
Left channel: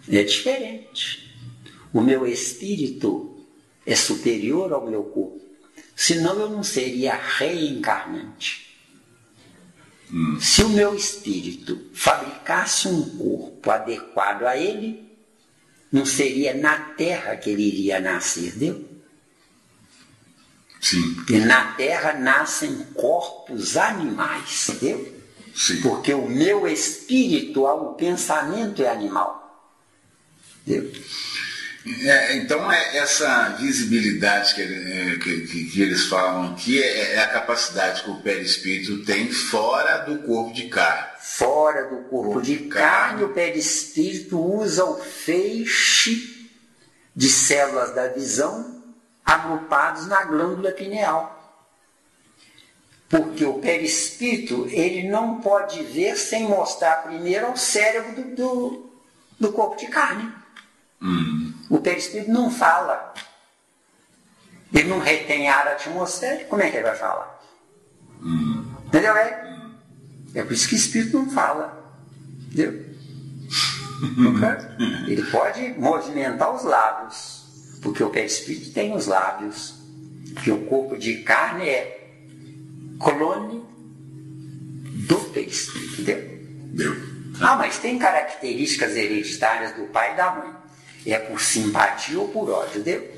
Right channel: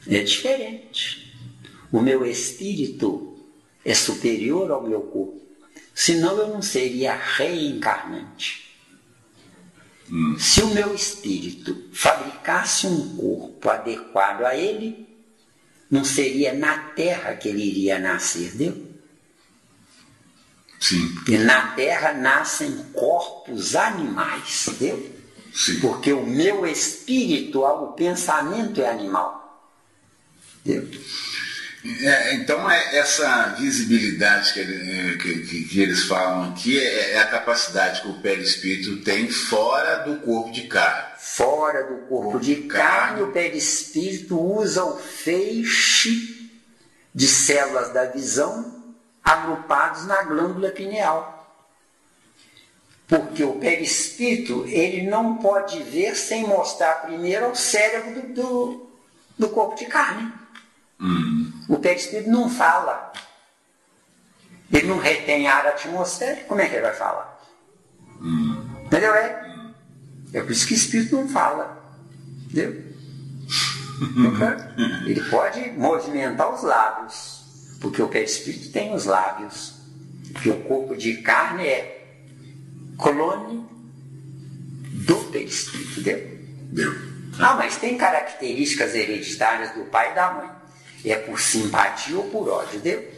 é diferente. O meu espírito é superior ao meu corpo, senão eu não seria reencarnante. Se o meu espírito fabricasse um corpo adequado a ele, não seria na Terra que ele iria nascer, entendeu? Sim. Porque na Terra nascem corpos animais, entendeu? Sim. Porque o meu espírito, o pensamento é animal. Entendeu? Então, essa visibilidade que eles falam aqui é a capacidade que o perispírito tem fora do corpo de carne. Fora do corpo de carne, o perispírito usa o feixe de células da visão agrupados na glândula pineal. Porque o perispírito, ele não pode ver sem mostrar primeiro ao cérebro do corpo de carne. O perispírito não fala. Ele não retém ar atmosférico, como é que ele vai falar? Entendeu? É por isso que o espírito não fala. Entendeu? Ele pode movimentar os lábios, porque o perispírito tem os lábios. Porque o corpo de carne é clone do perispírito. Entendeu? Mas tem características hereditárias do pai e da mãe. É por simpatia ou por ódio, entendeu?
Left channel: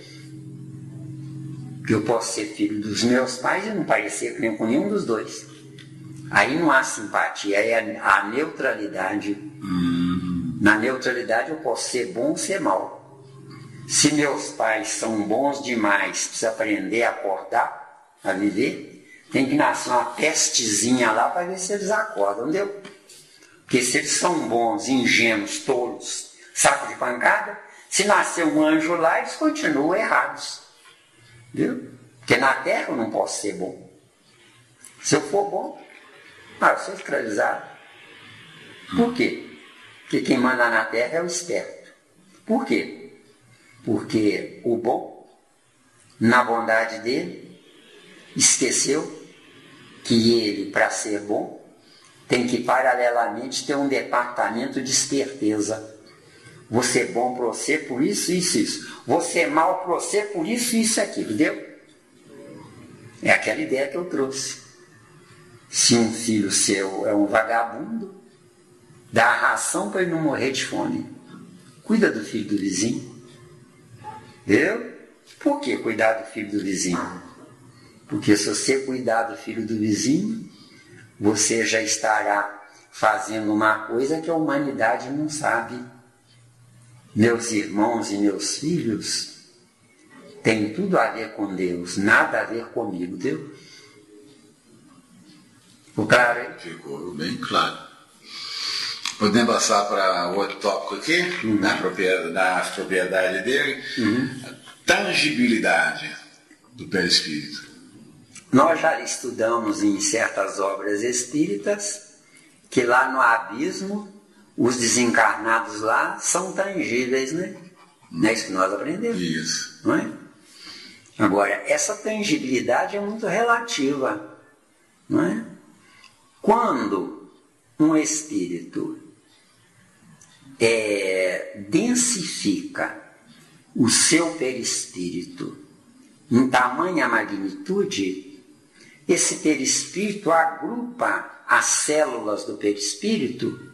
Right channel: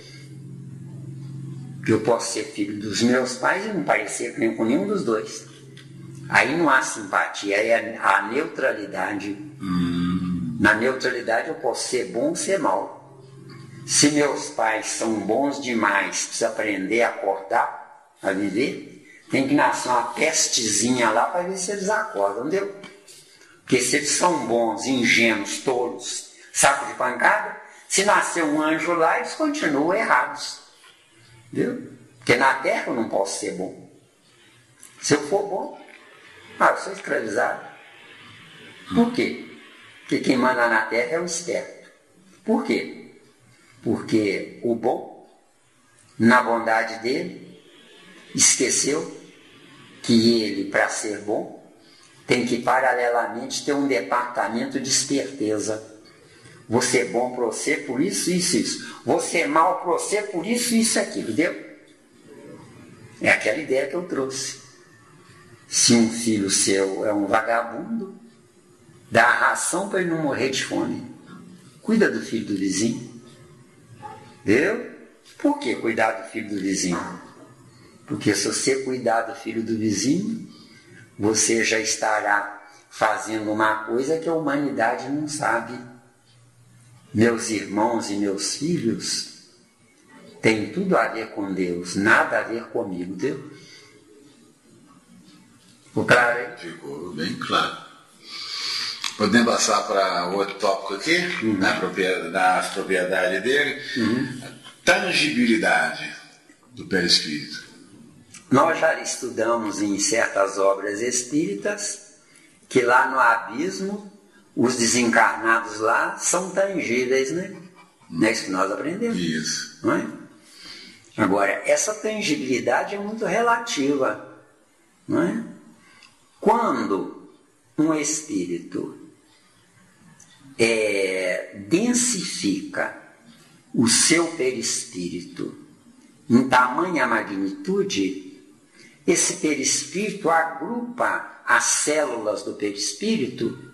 Que eu posso ser filho dos meus pais e não parecer com nenhum dos dois. Aí não há simpatia, é a neutralidade. Na neutralidade eu posso ser bom ou ser mal. Se meus pais são bons demais, precisa aprender a acordar, a viver, tem que nascer uma pestezinha lá para ver se eles acordam, entendeu? Porque se eles são bons, ingênuos, tolos, saco de pancada, se nascer um anjo lá, eles continuam errados. Entendeu? Porque na Terra eu não posso ser bom. Se eu for bom, eu sou escravizado. Por quê? Porque quem manda na Terra é o esperto. Por quê? Porque o bom, na bondade dele, esqueceu que ele, para ser bom, tem que paralelamente ter um departamento de esperteza. Você é bom para você por isso, isso, isso. Você é mal para você por isso, isso, aquilo. Entendeu? É aquela ideia que eu trouxe. Se um filho seu é um vagabundo, dá a ração para ele não morrer de fome. Cuida do filho do vizinho. Entendeu? Por que cuidar do filho do vizinho? Porque se você cuidar do filho do vizinho, você já estará fazendo uma coisa que a humanidade não sabe. Meus irmãos e meus filhos têm tudo a ver com Deus, nada a ver comigo, entendeu? Ficou claro, hein? Ficou bem claro. Podemos passar para outro tópico aqui, na propriedade dele. Tangibilidade do perispírito. Nós já estudamos em certas obras espíritas que lá no abismo os desencarnados lá são tangíveis, né? Não é isso que nós aprendemos? Isso. Não é? Agora, essa tangibilidade é muito relativa, não é? Quando um espírito densifica o seu perispírito em tamanha magnitude, esse perispírito agrupa as células do perispírito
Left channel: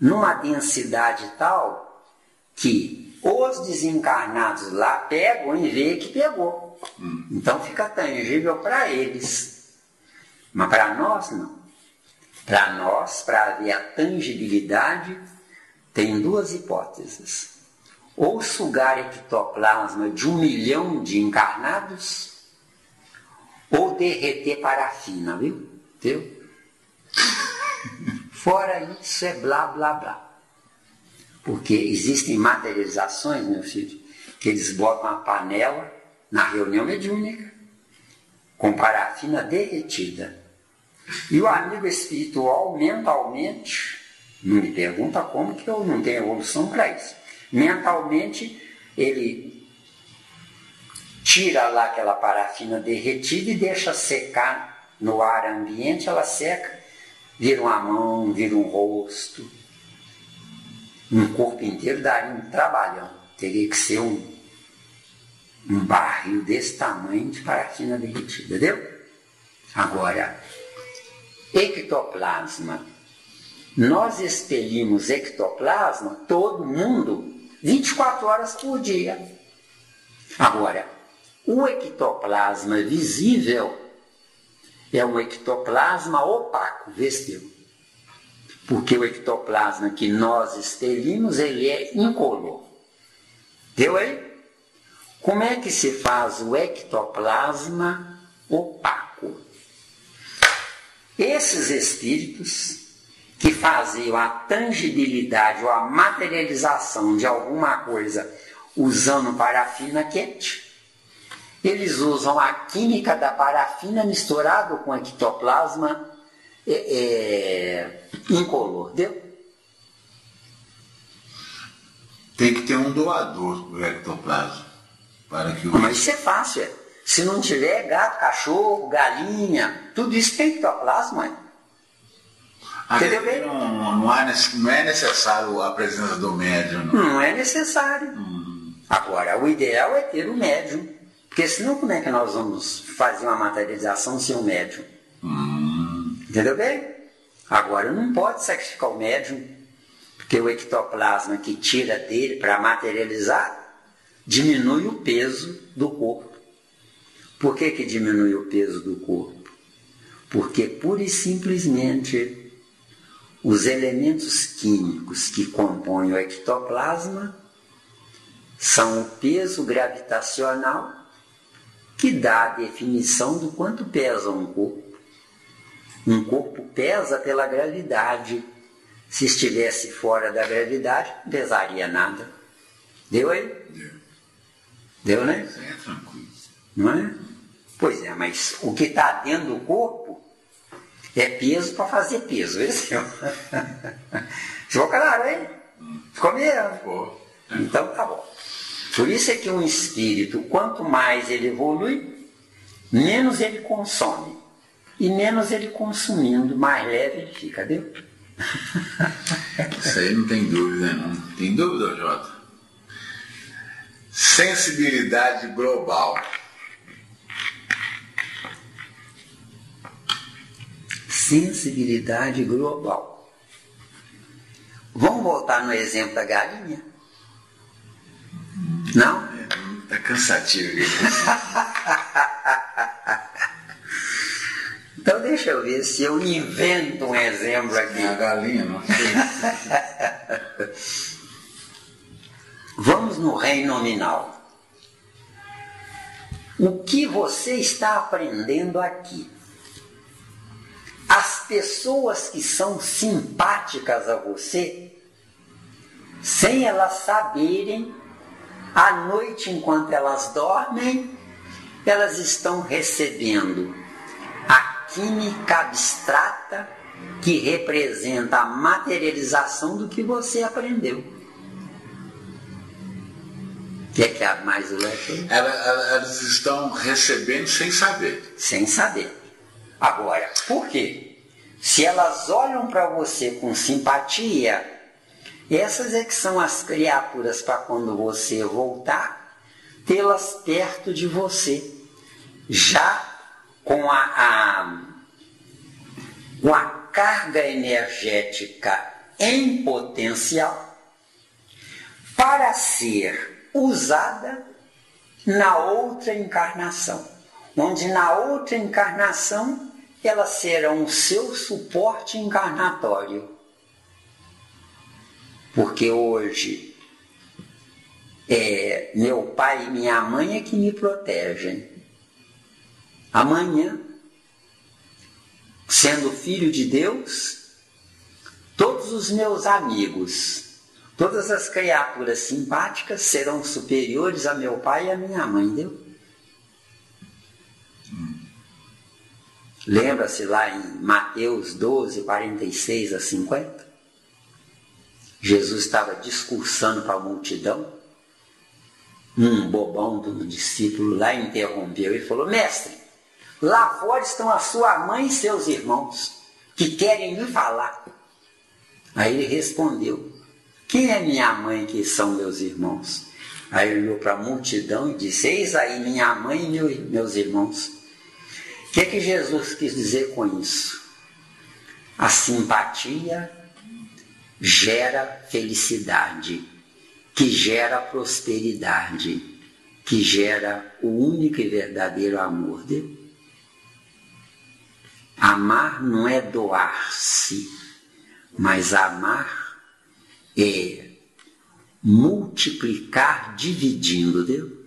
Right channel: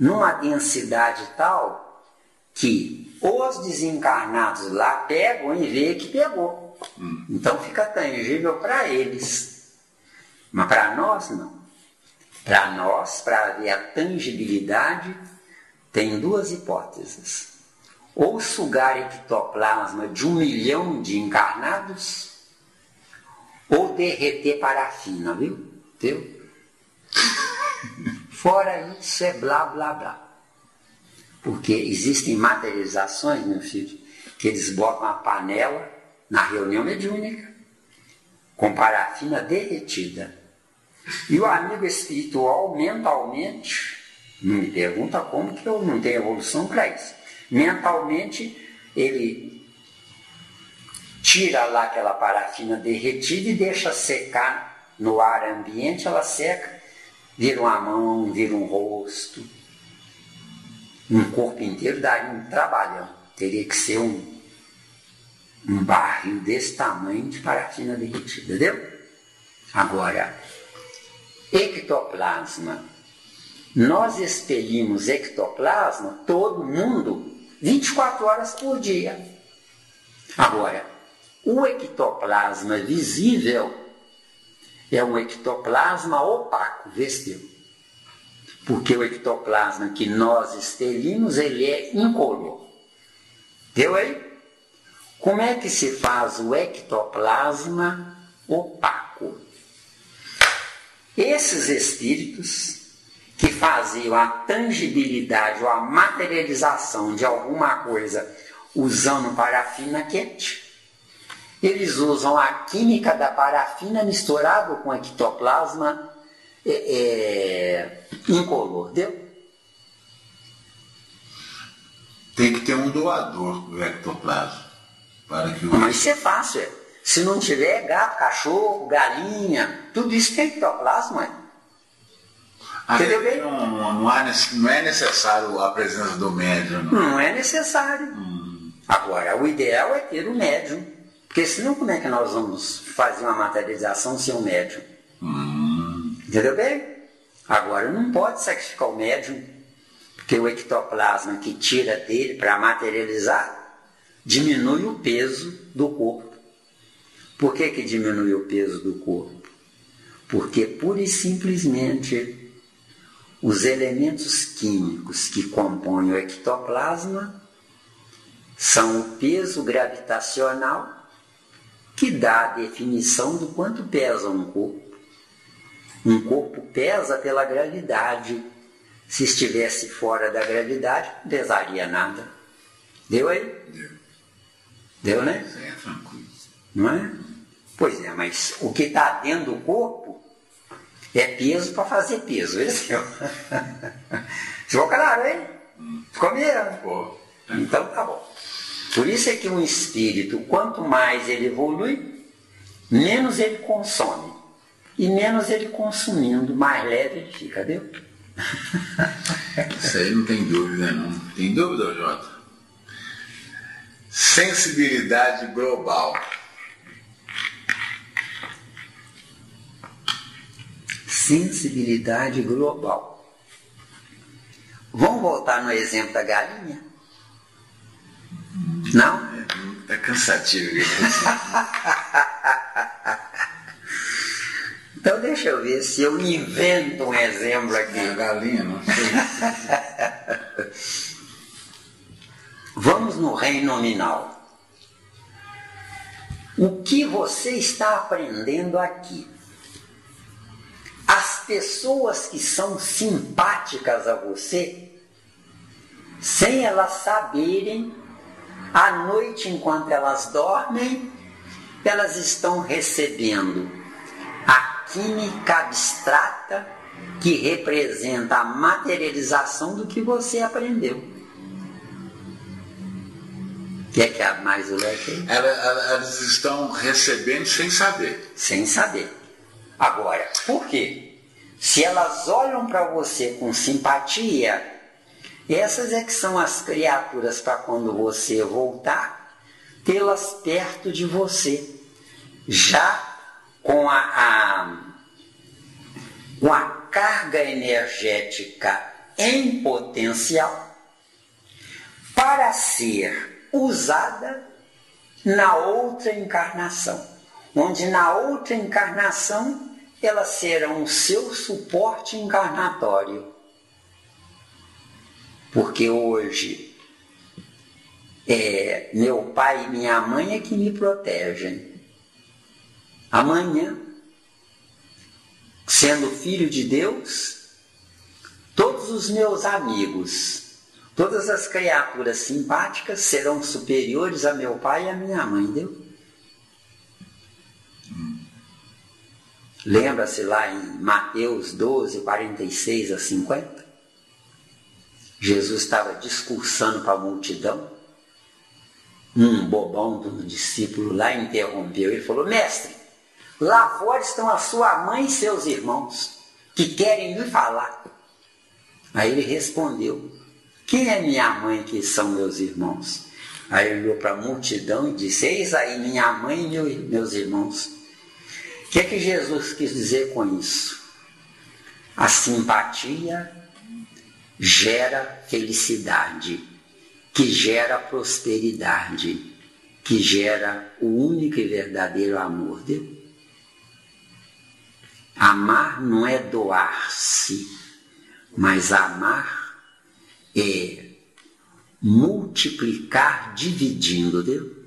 numa densidade tal que os desencarnados lá pegam e veem que pegou. Então fica tangível para eles. Mas para nós não. Para nós, para haver a tangibilidade, tem duas hipóteses. Ou sugar ectoplasma de 1 milhão de encarnados, ou derreter parafina, viu? Fora isso é blá, blá, blá. Porque existem materializações, meu filho, que eles botam uma panela na reunião mediúnica, com parafina derretida. E o amigo espiritual, mentalmente, não me pergunta como, que eu não tenho evolução para isso. Mentalmente, ele tira lá aquela parafina derretida e deixa secar no ar ambiente, ela seca, vira uma mão, vira um rosto, um corpo inteiro, daria um trabalhão. Teria que ser um barril desse tamanho de parafina derretida, entendeu? Agora, ectoplasma. Nós expelimos ectoplasma, todo mundo, 24 horas por dia. Agora, o ectoplasma visível é um ectoplasma opaco, vestiu. Porque o ectoplasma que nós expelimos, ele é incolor. Deu aí? Como é que se faz o ectoplasma opaco? Esses espíritos que faziam a tangibilidade ou a materialização de alguma coisa usando parafina quente, eles usam a química da parafina misturado com ectoplasma incolor, deu? Tem que ter um doador do ectoplasma. Para que Mas isso é fácil. Se não tiver gato, cachorro, galinha, tudo isso tem ectoplasma. Não é necessário a presença do médium. Não é necessário. Agora, o ideal é ter o médium. Porque senão como é que nós vamos fazer uma materialização sem o médium? Entendeu bem? Agora, não pode sacrificar o médium, porque o ectoplasma que tira dele para materializar diminui o peso do corpo. Por que diminui o peso do corpo? Porque pura e simplesmente os elementos químicos que compõem o ectoplasma são o peso gravitacional que dá a definição do quanto pesa um corpo. Um corpo pesa pela gravidade. Se estivesse fora da gravidade, não pesaria nada. Deu aí? Deu, né? É tranquilo. Não é? Pois é, mas o que está dentro do corpo é peso para fazer peso. Esse é. Ficou claro, hein? Ficou mesmo? Então tá bom. Por isso é que um espírito, quanto mais ele evolui, menos ele consome. E menos ele consumindo, mais leve ele fica, viu? Isso aí não tem dúvida, não. Tem dúvida, Jota? Sensibilidade global. Sensibilidade global. Vamos voltar no exemplo da galinha? Não? É cansativo. Então deixa eu ver se eu invento um exemplo aqui. É a galinha, não sei. Vamos no reino nominal. O que você está aprendendo aqui? As pessoas que são simpáticas a você, sem elas saberem, à noite enquanto elas dormem, elas estão recebendo a química abstrata que representa a materialização do que você aprendeu. O que é que há mais o aqui? Elas estão recebendo sem saber. Sem saber. Agora, por quê? Se elas olham para você com simpatia, Essas é que são as criaturas para quando você voltar, tê-las perto de você, já com a carga energética em potencial para ser usada na outra encarnação, onde na outra encarnação elas serão o seu suporte encarnatório. Porque hoje meu pai e minha mãe é que me protegem. Amanhã, sendo filho de Deus, todos os meus amigos, todas as criaturas simpáticas serão superiores a meu pai e a minha mãe, entendeu? Lembra-se lá em Mateus 12, 46 a 50? Jesus estava discursando para a multidão. Um bobão do discípulo lá interrompeu e falou: mestre, lá fora estão a sua mãe e seus irmãos, que querem me falar. Aí ele respondeu: quem é minha mãe, que são meus irmãos? Aí ele olhou para a multidão e disse: eis aí minha mãe e meus irmãos. O que é que Jesus quis dizer com isso? A simpatia gera felicidade, que gera prosperidade, que gera o único e verdadeiro amor. Amar não é doar-se, mas amar é multiplicar dividindo, entendeu?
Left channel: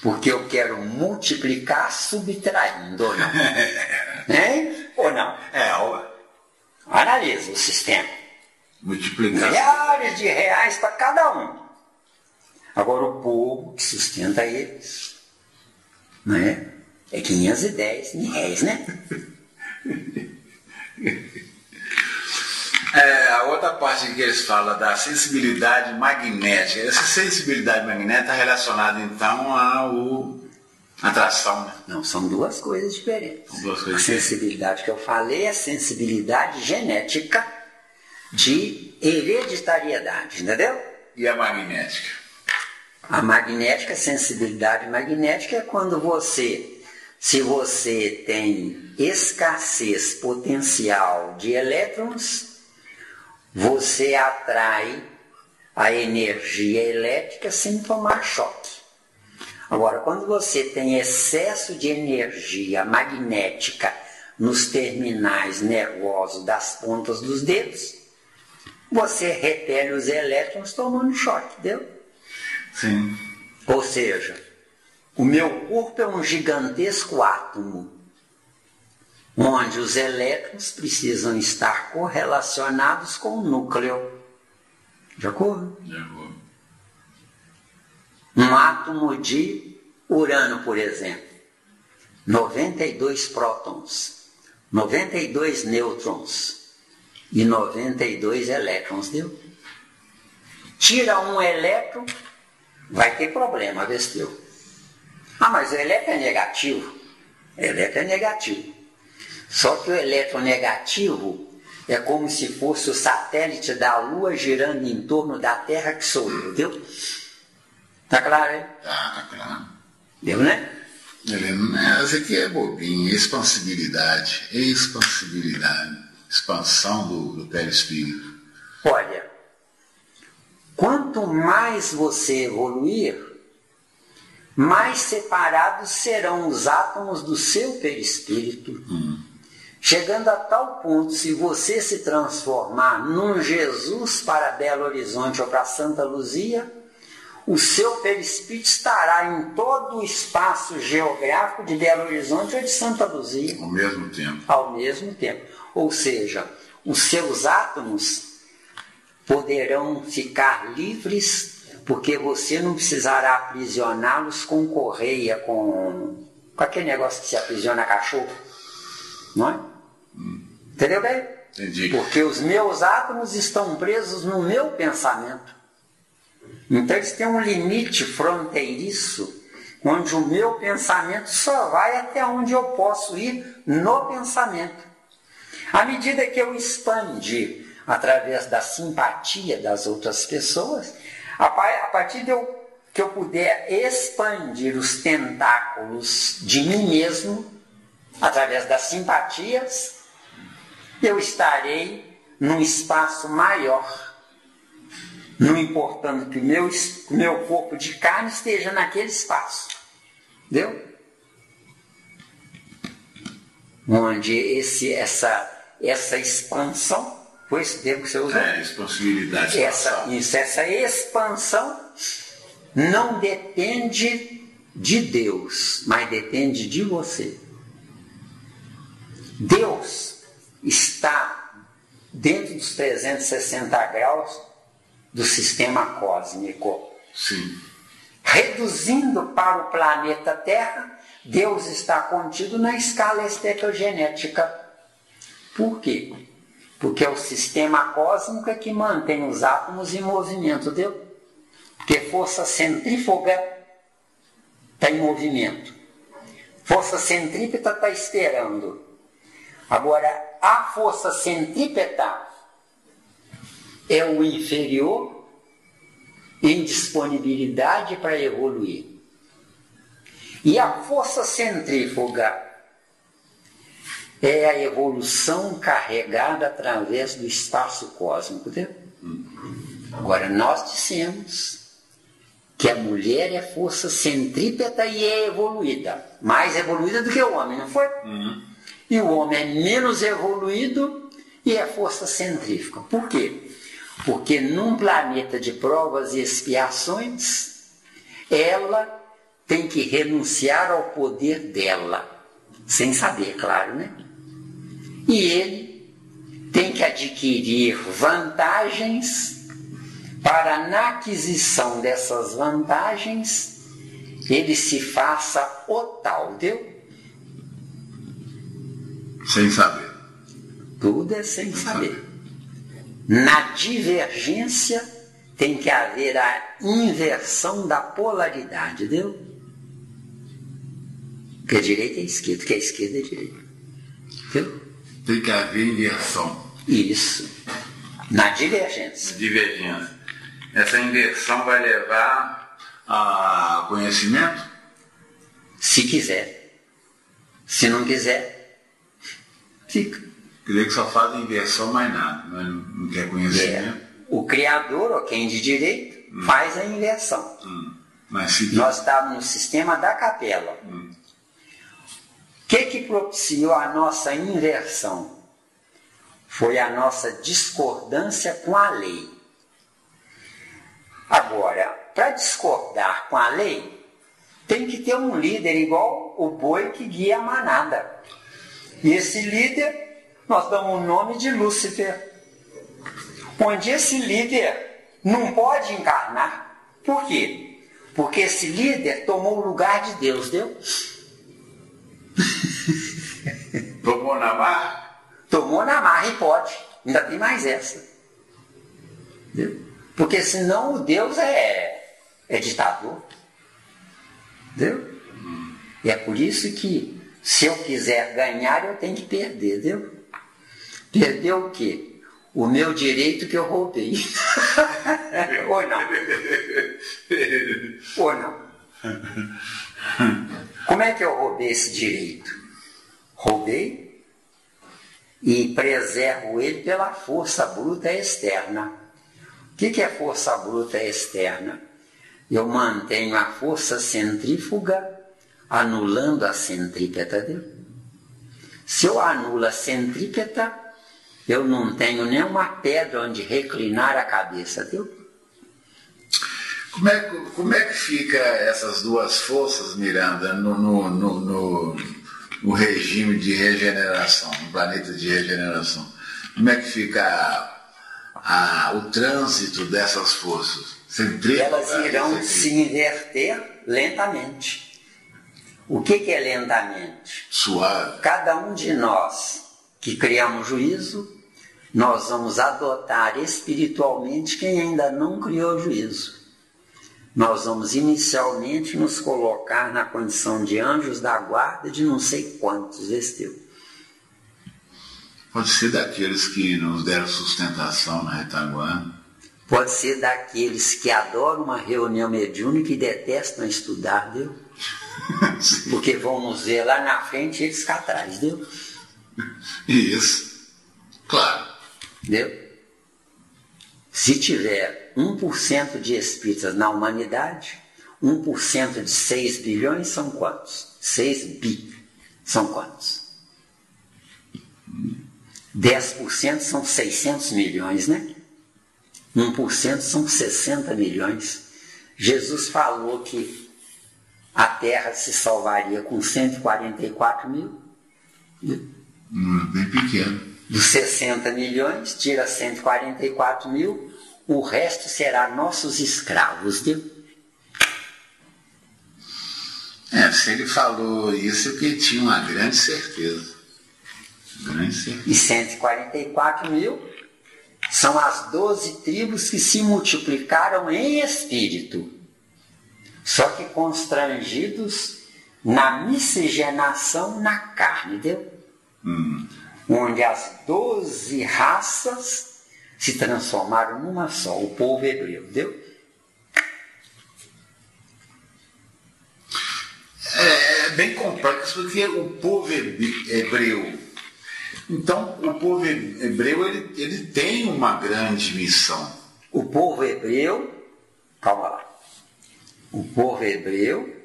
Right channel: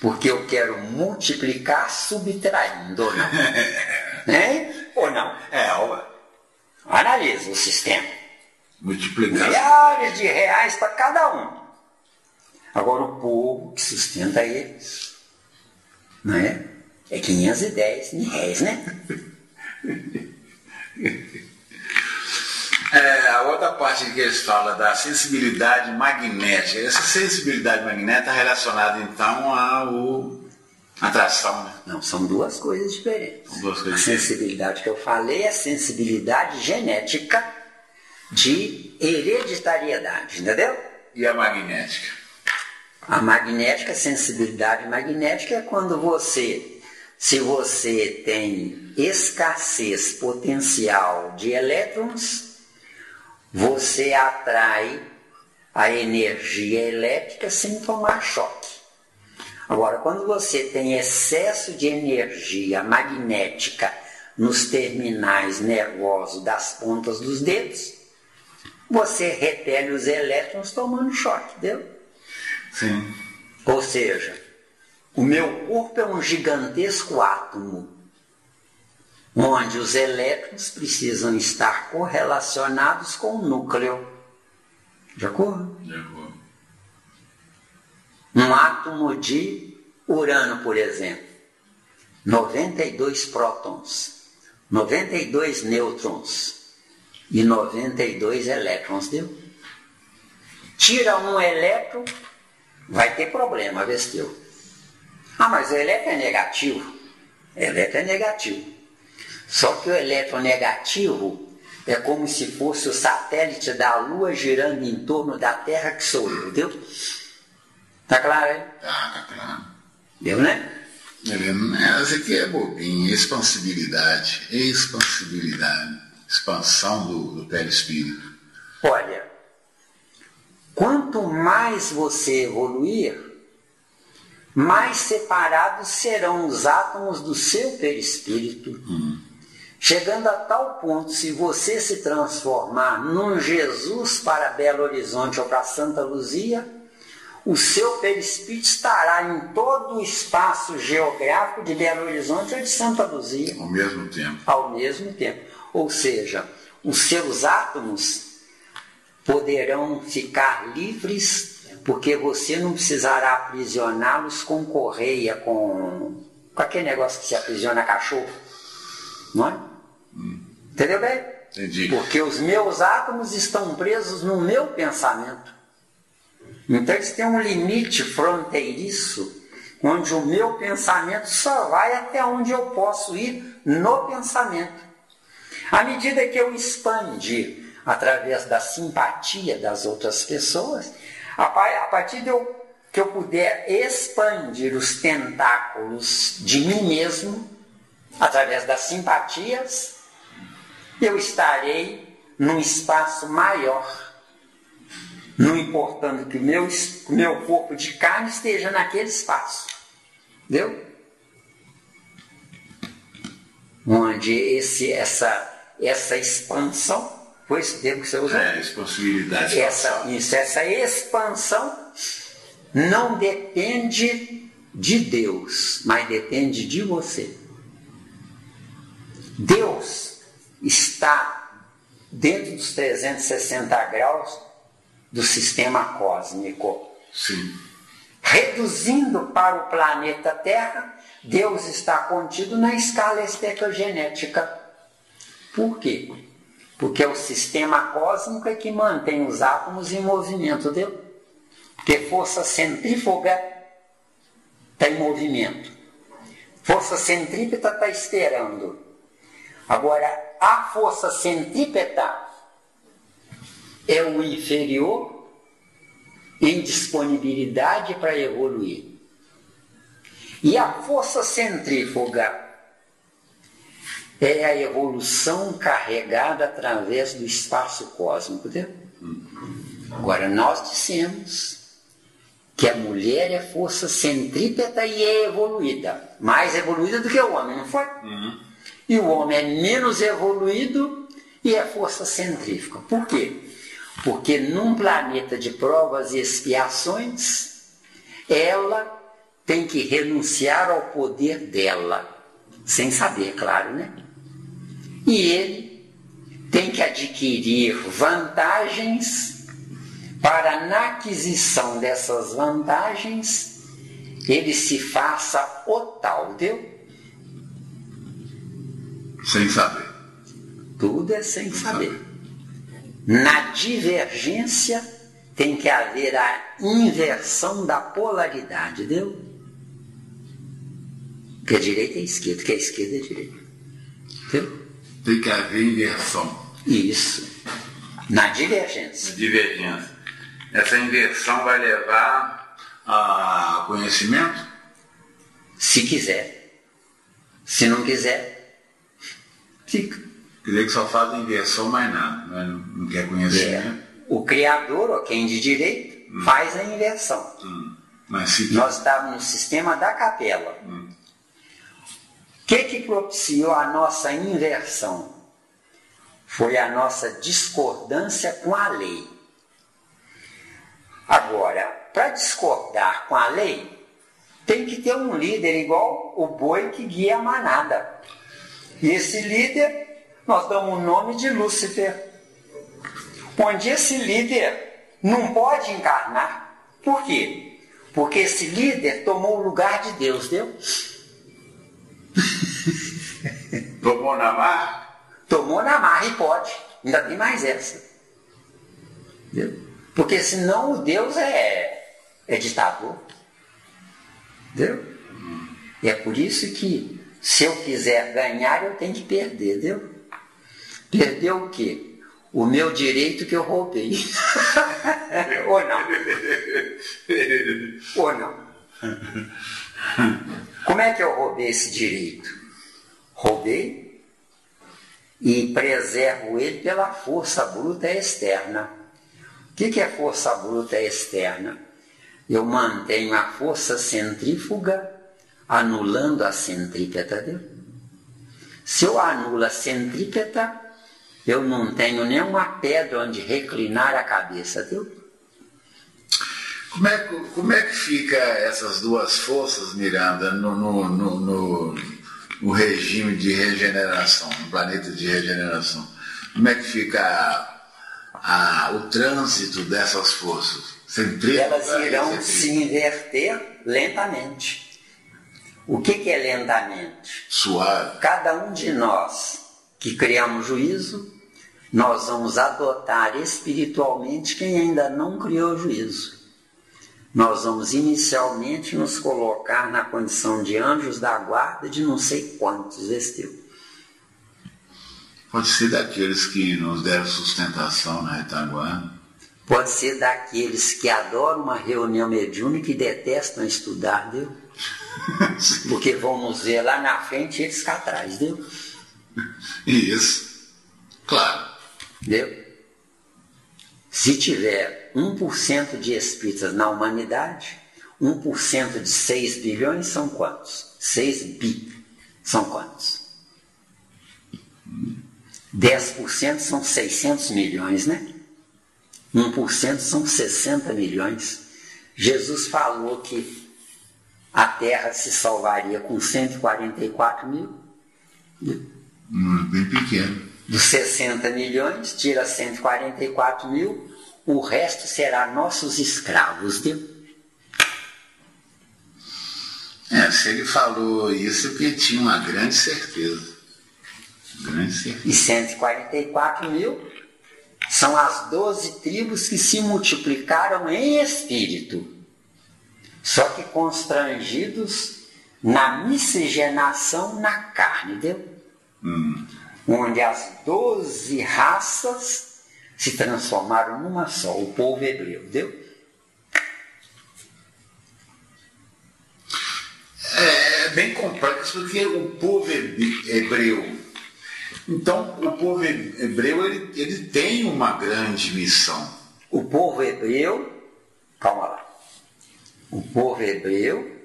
Porque eu quero multiplicar subtraindo, ou não? Né? Ou não? Analisa o sistema. Multiplicar. Milhares de reais para cada um. Agora o povo que sustenta eles, né? É 510 mil reais, né? A outra parte que eles falam da sensibilidade magnética. Essa sensibilidade magnética está relacionada então à atração. Não, são duas coisas diferentes. Duas coisas a sensibilidade que eu falei é a sensibilidade genética de hereditariedade, entendeu? E a magnética? A magnética, a sensibilidade magnética é quando se você tem escassez potencial de elétrons, você atrai a energia elétrica sem tomar choque. Agora, quando você tem excesso de energia magnética nos terminais nervosos das pontas dos dedos, você repele os elétrons tomando choque, entendeu? Sim. Ou seja, o meu corpo é um gigantesco átomo, onde os elétrons precisam estar correlacionados com o núcleo. De acordo? De acordo. Um átomo de urânio, por exemplo, 92 prótons, 92 nêutrons e 92 elétrons, deu? Tira um elétron, vai ter problema, vestiu? Mas o elétron é negativo. O elétron é negativo. Só que o elétron negativo é como se fosse o satélite da Lua girando em torno da Terra, que sou eu, deu? Tá claro, hein? Tá claro. Deu, né? Essa aqui é bobinho. Expansibilidade. Expansão do perispírito. Olha, quanto mais você evoluir, mais separados serão os átomos do seu perispírito. Chegando a tal ponto, se você se transformar num Jesus para Belo Horizonte ou para Santa Luzia, o seu perispírito estará em todo o espaço geográfico de Belo Horizonte ou de Santa Luzia. Ao mesmo tempo. Ao mesmo tempo. Ou seja, os seus átomos poderão ficar livres, porque você não precisará aprisioná-los com correia, com aquele negócio que se aprisiona cachorro. Não é? Entendeu bem? Entendi. Porque os meus átomos estão presos no meu pensamento. Então eles têm um limite fronteiriço, onde o meu pensamento só vai até onde eu posso ir no pensamento. À medida que eu expandi através da simpatia das outras pessoas, a partir que eu puder expandir os tentáculos de mim mesmo, através das simpatias, eu estarei num espaço maior, não importando que o meu corpo de carne esteja naquele espaço. Entendeu? Onde essa expansão, foi esse termo que você usou? Expansibilidade. Essa expansão não depende de Deus, mas depende de você. Deus está dentro dos 360 graus do sistema cósmico. Sim. Reduzindo para o planeta Terra, Deus está contido na escala espectrogenética. Por quê? Porque é o sistema cósmico é que mantém os átomos em movimento, entendeu? Porque força centrífuga está em movimento. Força centrípeta está esperando. Agora, a força centrípeta é o inferior em disponibilidade para evoluir. E a força centrífuga é a evolução carregada através do espaço cósmico. Entendeu? Agora, nós dissemos que a mulher é força centrípeta e é evoluída. Mais evoluída do que o homem, não foi? E o homem é menos evoluído e é força centrífuga. Por quê? Porque num planeta de provas e expiações, ela tem que renunciar ao poder dela, sem saber, claro, né? E ele tem que adquirir vantagens para, na aquisição dessas vantagens, ele se faça o tal, entendeu? Sem saber. Tudo é sem saber. Na divergência tem que haver a inversão da polaridade, entendeu? Que a direita é a esquerda, que a esquerda é a direita. Entendeu? Tem que haver inversão. Isso. Na divergência. Divergência. Essa inversão vai levar a conhecimento? Se quiser. Se não quiser, fica. Quer dizer que só faz a inversão, mais nada. Não quer conhecimento? O Criador, ou quem de direito, faz a inversão. Mas se... Nós estávamos no sistema da capela. O que propiciou a nossa inversão? Foi a nossa discordância com a lei. Agora, para discordar com a lei, tem que ter um líder igual o boi que guia a manada. E esse líder, nós damos o nome de Lúcifer. Onde esse líder não pode encarnar. Por quê? Porque esse líder tomou o lugar de Deus, deu? Tomou na marra? Tomou na marra e pode. Ainda tem mais essa. Entendeu? Porque senão o Deus é ditador. Entendeu? E é por isso que se eu quiser ganhar, eu tenho que perder, entendeu? Perder o quê? O meu direito que eu roubei. Ou não? Ou não? Como é que eu roubei esse direito? Roubei e preservo ele pela força bruta externa. O que é força bruta externa? Eu mantenho a força centrífuga anulando a centrípeta. Viu? Se eu anulo a centrípeta, eu não tenho nenhuma pedra onde reclinar a cabeça. Viu? Como é que fica essas duas forças, Miranda, no regime de regeneração, no planeta de regeneração? Como é que fica o trânsito dessas forças? Elas irão se inverter lentamente. O que é lentamente? Suave. Cada um de nós que criamos juízo, nós vamos adotar espiritualmente quem ainda não criou juízo. Nós vamos inicialmente nos colocar na condição de anjos da guarda de não sei quantos, vestiu. Pode ser daqueles que nos deram sustentação na retaguarda. Pode ser daqueles que adoram uma reunião mediúnica e detestam estudar, viu? Porque vamos ver lá na frente eles cá atrás, viu? Isso, claro. Entendeu? Se tiver 1% de espíritas na humanidade, 1% de 6 bilhões são quantos? 6 bi são quantos? 10% são 600 milhões, né? 1% são 60 milhões. Jesus falou que a Terra se salvaria com 144 mil. Bem pequeno. Dos 60 milhões, tira 144 mil, o resto será nossos escravos. Se ele falou isso, é porque tinha uma grande certeza. E 144 mil são as 12 tribos que se multiplicaram em espírito, só que constrangidos na miscigenação na carne, entendeu? Onde as 12 raças se transformaram numa só, o povo hebreu, entendeu? É bem complexo, porque o povo hebreu. Então, o povo hebreu ele tem uma grande missão. O povo hebreu, calma lá, o povo hebreu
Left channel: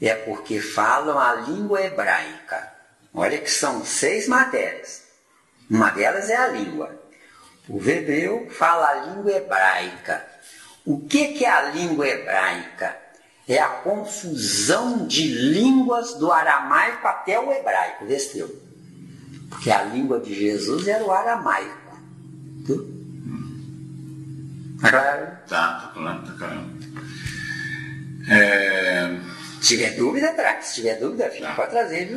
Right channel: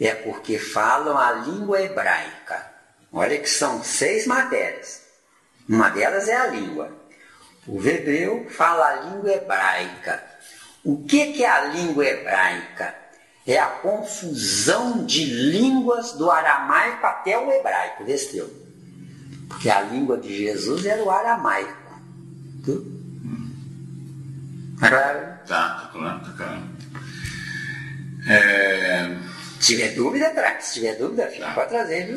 é porque falam a língua hebraica. Olha que são 6 matérias. Uma delas é a língua. O povo hebreu fala a língua hebraica. O que é a língua hebraica? É a confusão de línguas do aramaico até o hebraico, entendeu? Porque a língua de Jesus era o aramaico. Claro? Tá claro. Se tiver dúvida, traz. Se tiver dúvida, fica para trazer, viu?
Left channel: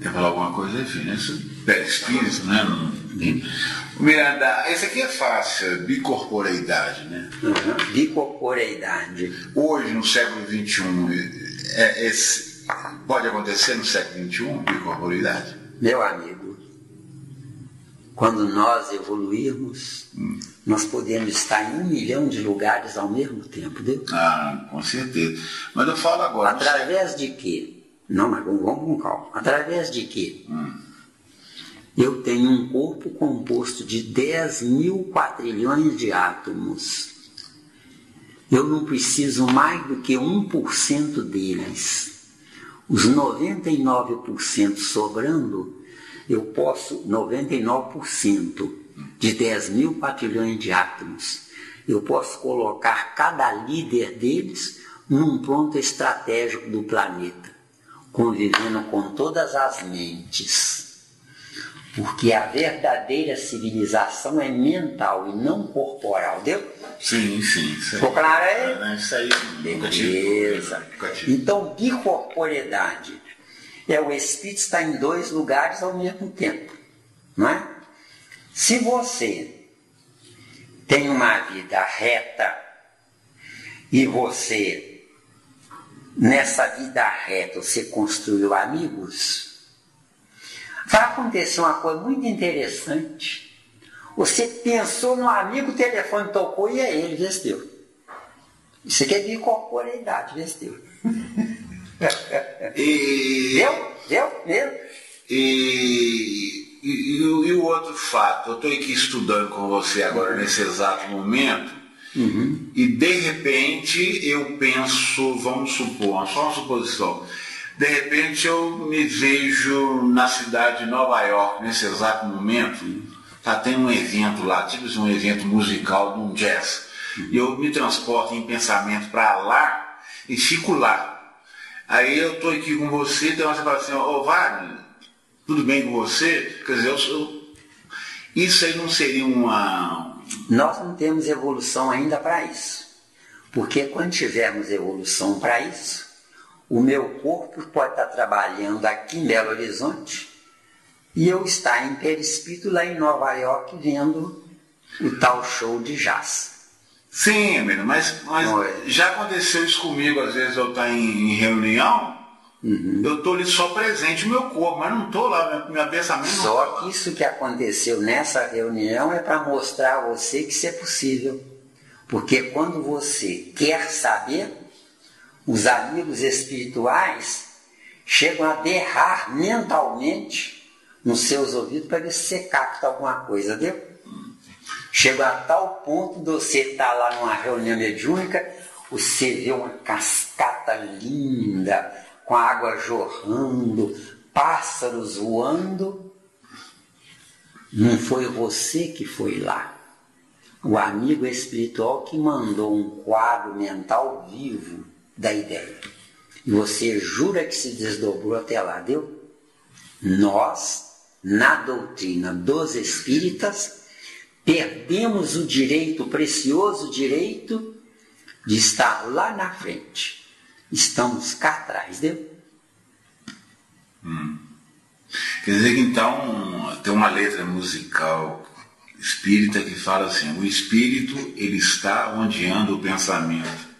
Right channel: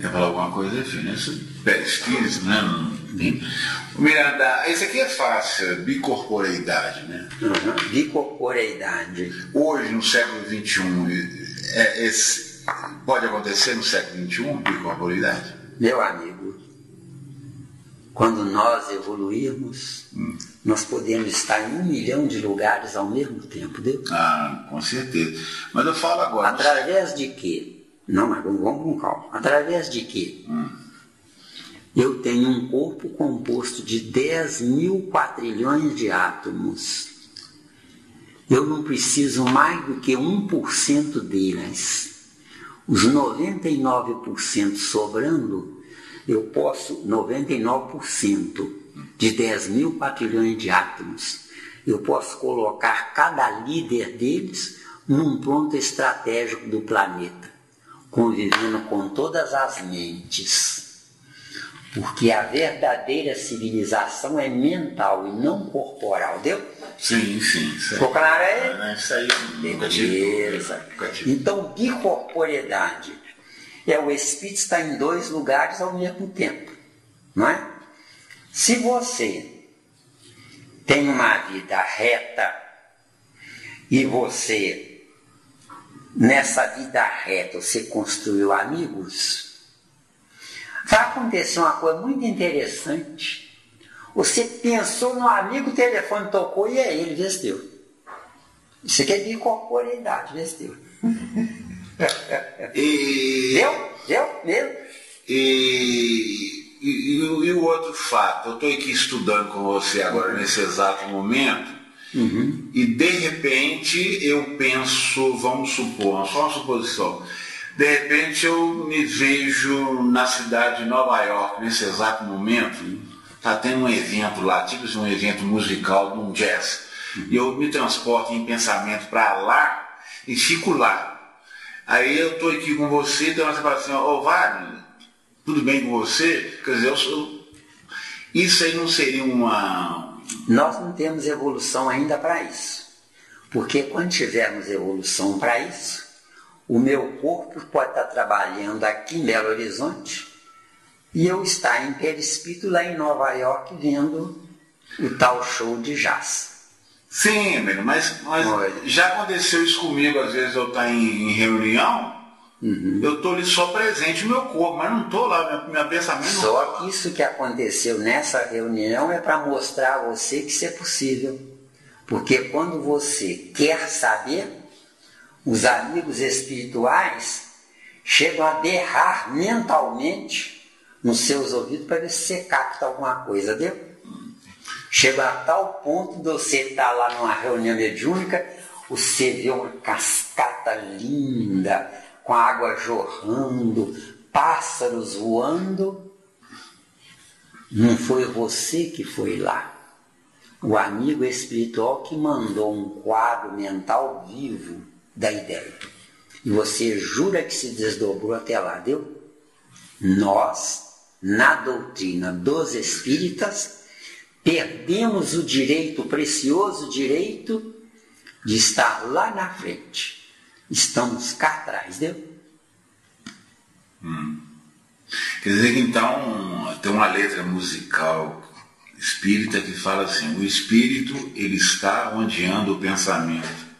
Quer falar alguma coisa? Isso é espírito, né? Miranda, esse aqui é fácil, bicorporeidade, né? Bicorporeidade. Hoje, no século XXI, pode acontecer no século XXI, bicorporeidade? Meu amigo, quando nós evoluirmos, nós podemos estar em 1 milhão de lugares ao mesmo tempo, entendeu? Com certeza. Mas eu falo agora... Através de quê? Não, mas vamos com calma. Através de quê? Eu tenho um corpo composto de 10 mil quadrilhões de átomos. Eu não preciso mais do que 1% deles. Os 99% sobrando, eu posso, 99% de 10 mil quadrilhões de átomos, eu posso colocar cada líder deles num ponto estratégico do planeta, convivendo com todas as mentes. Porque a verdadeira civilização é mental e não corporal, deu? Sim. Ficou claro aí? Isso aí. Beleza. Então, bicorporeidade é o espírito estar em 2 lugares ao mesmo tempo, não é? Se você tem uma vida reta e você, nessa vida reta, você construiu amigos, vai acontecer uma coisa muito interessante. Você pensou no amigo, o telefone tocou e é ele, vestiu. Isso aqui é bicorporeidade, vestiu. Deu? E o outro fato, eu estou aqui estudando com você agora nesse exato momento, e de repente eu penso, vamos supor, só uma suposição, de repente eu me vejo na cidade de Nova York nesse exato momento, está tendo um evento lá, tipo um evento musical, um jazz, e eu me transporto em pensamento para lá e fico lá. Aí eu estou aqui com você, então você fala assim, Wagner, tudo bem com você? Quer dizer, isso aí não seria uma... Nós não temos evolução ainda para isso. Porque quando tivermos evolução para isso, o meu corpo pode estar trabalhando aqui em Belo Horizonte e eu estar em perispírito lá em Nova York vendo o tal show de jazz. Sim, mas já aconteceu isso comigo, às vezes eu estou em reunião Eu estou ali só presente no meu corpo, mas não estou lá, meu pensamento não Só está lá. que isso que aconteceu nessa reunião é para mostrar a você que isso é possível. Porque quando você quer saber, os amigos espirituais chegam a berrar mentalmente nos seus ouvidos para ver se você capta alguma coisa, viu? Chega a tal ponto de você estar lá numa reunião mediúnica, você vê uma cascata linda, com a água jorrando, pássaros voando. Não foi você que foi lá. O amigo espiritual que mandou um quadro mental vivo da ideia. E você jura que se desdobrou até lá, deu? Nós, na doutrina dos espíritas, perdemos o direito, o precioso direito de estar lá na frente. Estamos cá atrás, deu? Quer dizer que então tem uma letra musical espírita que fala assim: o espírito, ele está onde anda o pensamento.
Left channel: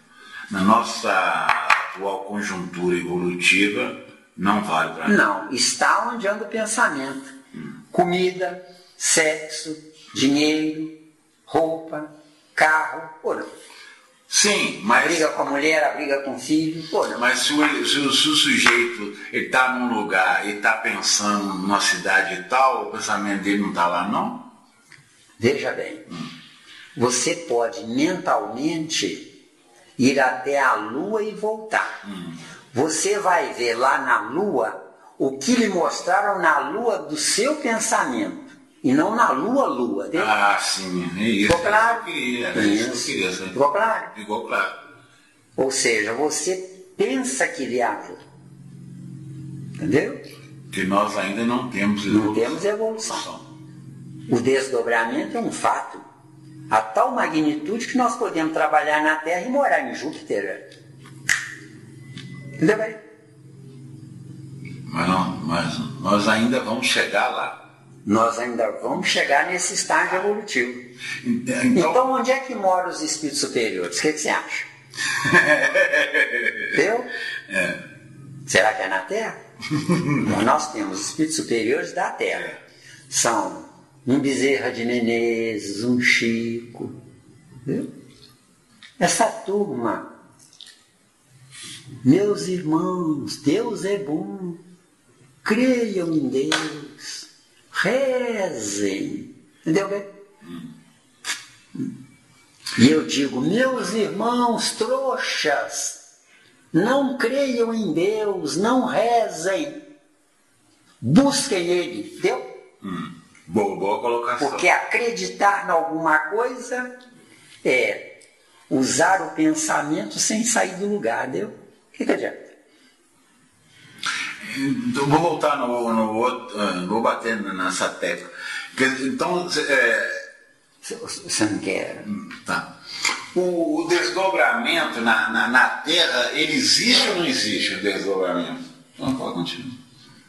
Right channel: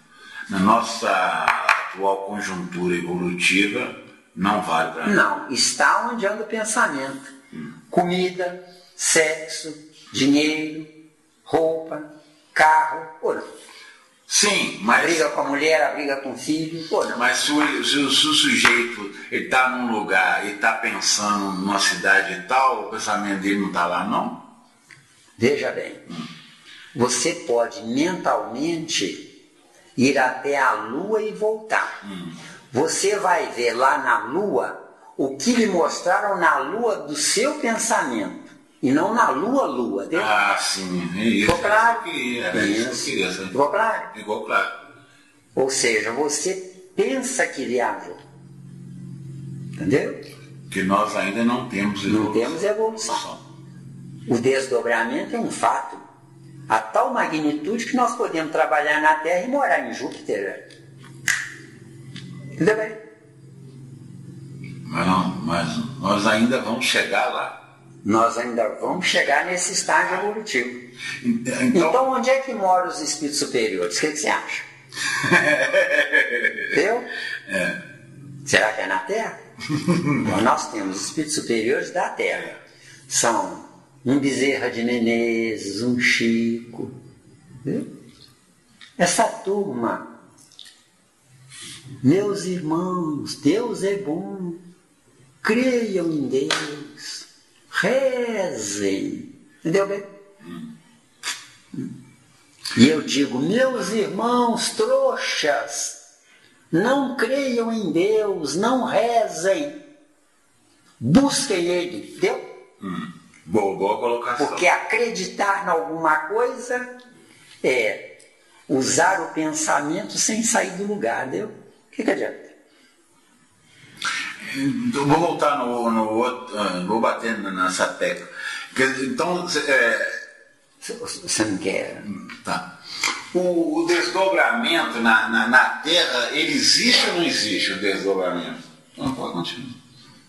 Na nossa atual conjuntura evolutiva, não vale para nada. Não, está onde anda o pensamento. Comida, sexo, dinheiro, roupa, carro, ora. Sim, A mas, briga com a mulher, a briga com o filho, ora. mas se o sujeito está num lugar e está pensando numa cidade e tal, o pensamento dele não está lá, não? Veja bem, você pode mentalmente ir até a Lua e voltar. Você vai ver lá na Lua o que lhe mostraram na Lua do seu pensamento. E não na Lua. Entendeu? Ah, sim. É isso. Ficou claro? Ficou claro? Ficou claro. Ou seja, você pensa que viajou. Entendeu? Que nós ainda não temos evolução. Não temos evolução. O desdobramento é um fato. A tal magnitude que nós podemos trabalhar na Terra e morar em Júpiter. Entendeu bem? Mas nós ainda vamos chegar lá. Nós ainda vamos chegar nesse estágio evolutivo. Então onde é que moram os espíritos superiores? O que você acha? Entendeu? Será que é na Terra? Nós temos espíritos superiores da Terra. São um Bezerra de Menezes, um Chico. Entendeu? Essa turma, meus irmãos, Deus é bom. Creiam em Deus. Rezem. Entendeu bem? E eu digo, meus irmãos trouxas, não creiam em Deus, não rezem. Busquem Ele. Entendeu? Boa colocação. Porque acreditar em alguma coisa é usar o pensamento sem sair do lugar, entendeu? O que adianta? Então, vou voltar no outro, vou bater nessa tecla. Então, Você não quer? tá. O desdobramento na Terra, ele existe ou não existe o desdobramento? Não, pode continuar.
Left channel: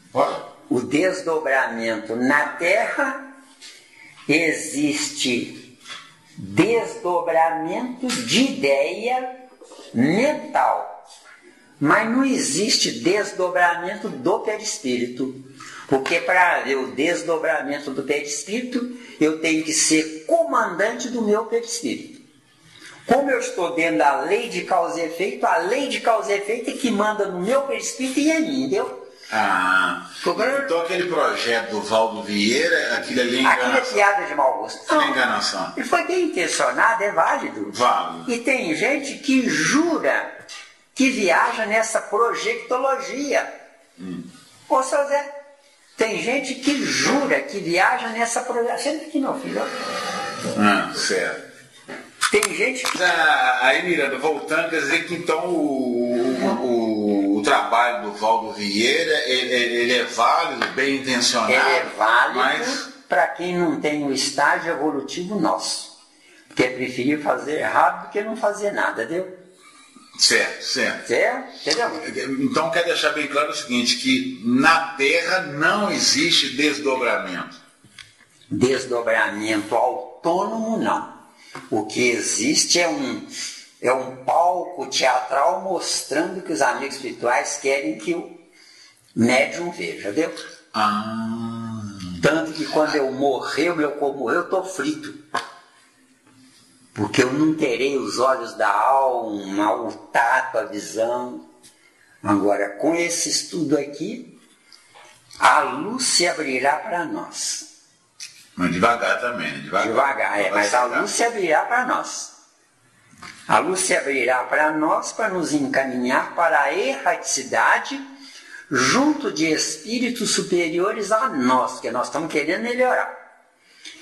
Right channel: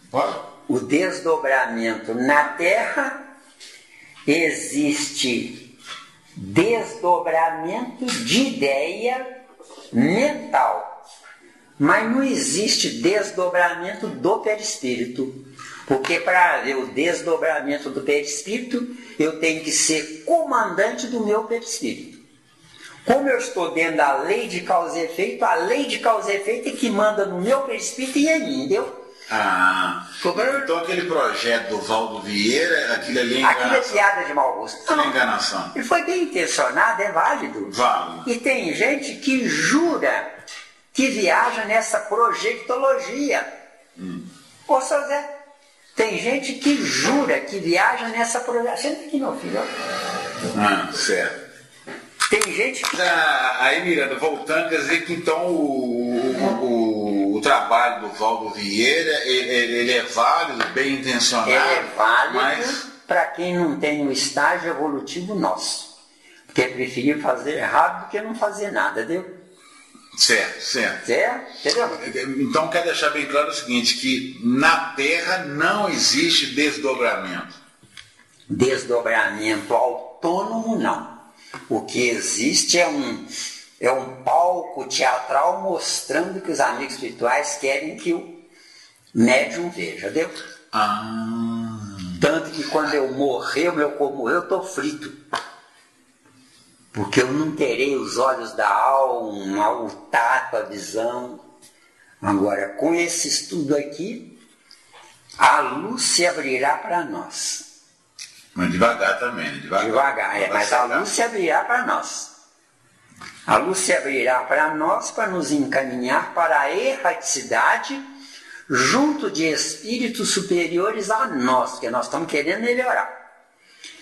Pode? O desdobramento na Terra existe desdobramento de ideia mental. Mas não existe desdobramento do perispírito. Porque para ver o desdobramento do perispírito, eu tenho que ser comandante do meu perispírito. Como eu estou dentro da lei de causa e efeito, a lei de causa e efeito é que manda no meu perispírito e em mim, entendeu? Então aquele projeto do Valdo Vieira, aquilo ali é enganação. Aquilo é piada de mau gosto. Não. É enganação. Ele foi bem intencionado, é válido. Válido. E tem gente que jura que viaja nessa projectologia. Ô, seu Zé, tem gente que jura que viaja nessa projectologia. Senta aqui, meu filho. Certo. Tem gente que... Aí, Miranda, voltando, quer dizer que então o trabalho do Valdo Vieira, ele é válido, bem intencionado. Ele é válido, mas... para quem não tem um estágio evolutivo nosso. Porque preferir fazer rápido do que não fazer nada, entendeu? Certo. Entendeu? Então quer deixar bem claro o seguinte, que na Terra não existe desdobramento. Desdobramento autônomo, não. O que existe é um palco teatral mostrando que os amigos espirituais querem que médium vê, já deu? Tanto que quando eu morrer, o meu corpo morreu, eu estou frito. Porque eu não terei os olhos da alma, o tato, a visão. Agora, com esse estudo aqui, a luz se abrirá para nós. Mas devagar também, Devagar, mas a luz se abrirá para nós. A luz se abrirá para nós para nos encaminhar para a erraticidade junto de espíritos superiores a nós, porque nós estamos querendo melhorar.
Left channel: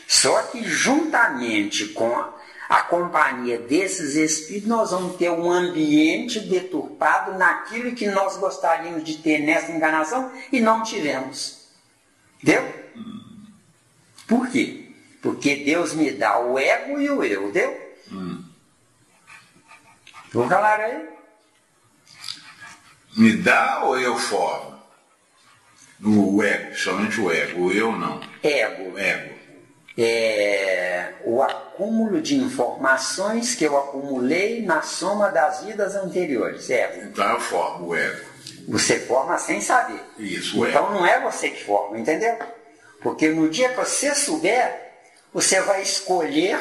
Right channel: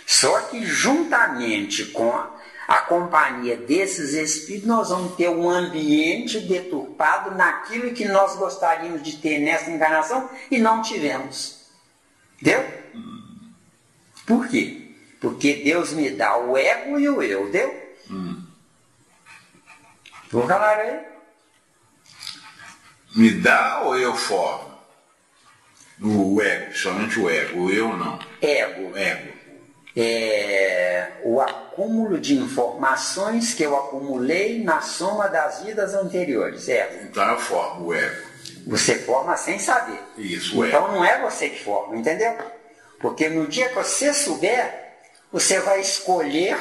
Só que juntamente com a companhia desses espíritos, nós vamos ter um ambiente deturpado naquilo que nós gostaríamos de ter nessa encarnação e não tivemos. Entendeu? Por quê? Porque Deus me dá o ego e o eu, entendeu? Vamos falar aí? Me dá ou eu formo? O ego, somente o ego, o eu não. Ego. É o acúmulo de informações que eu acumulei na soma das vidas anteriores. Então eu formo o ego. Você forma sem saber. Isso, o então ego. Não é você que forma, entendeu? Porque no dia que você souber, você vai escolher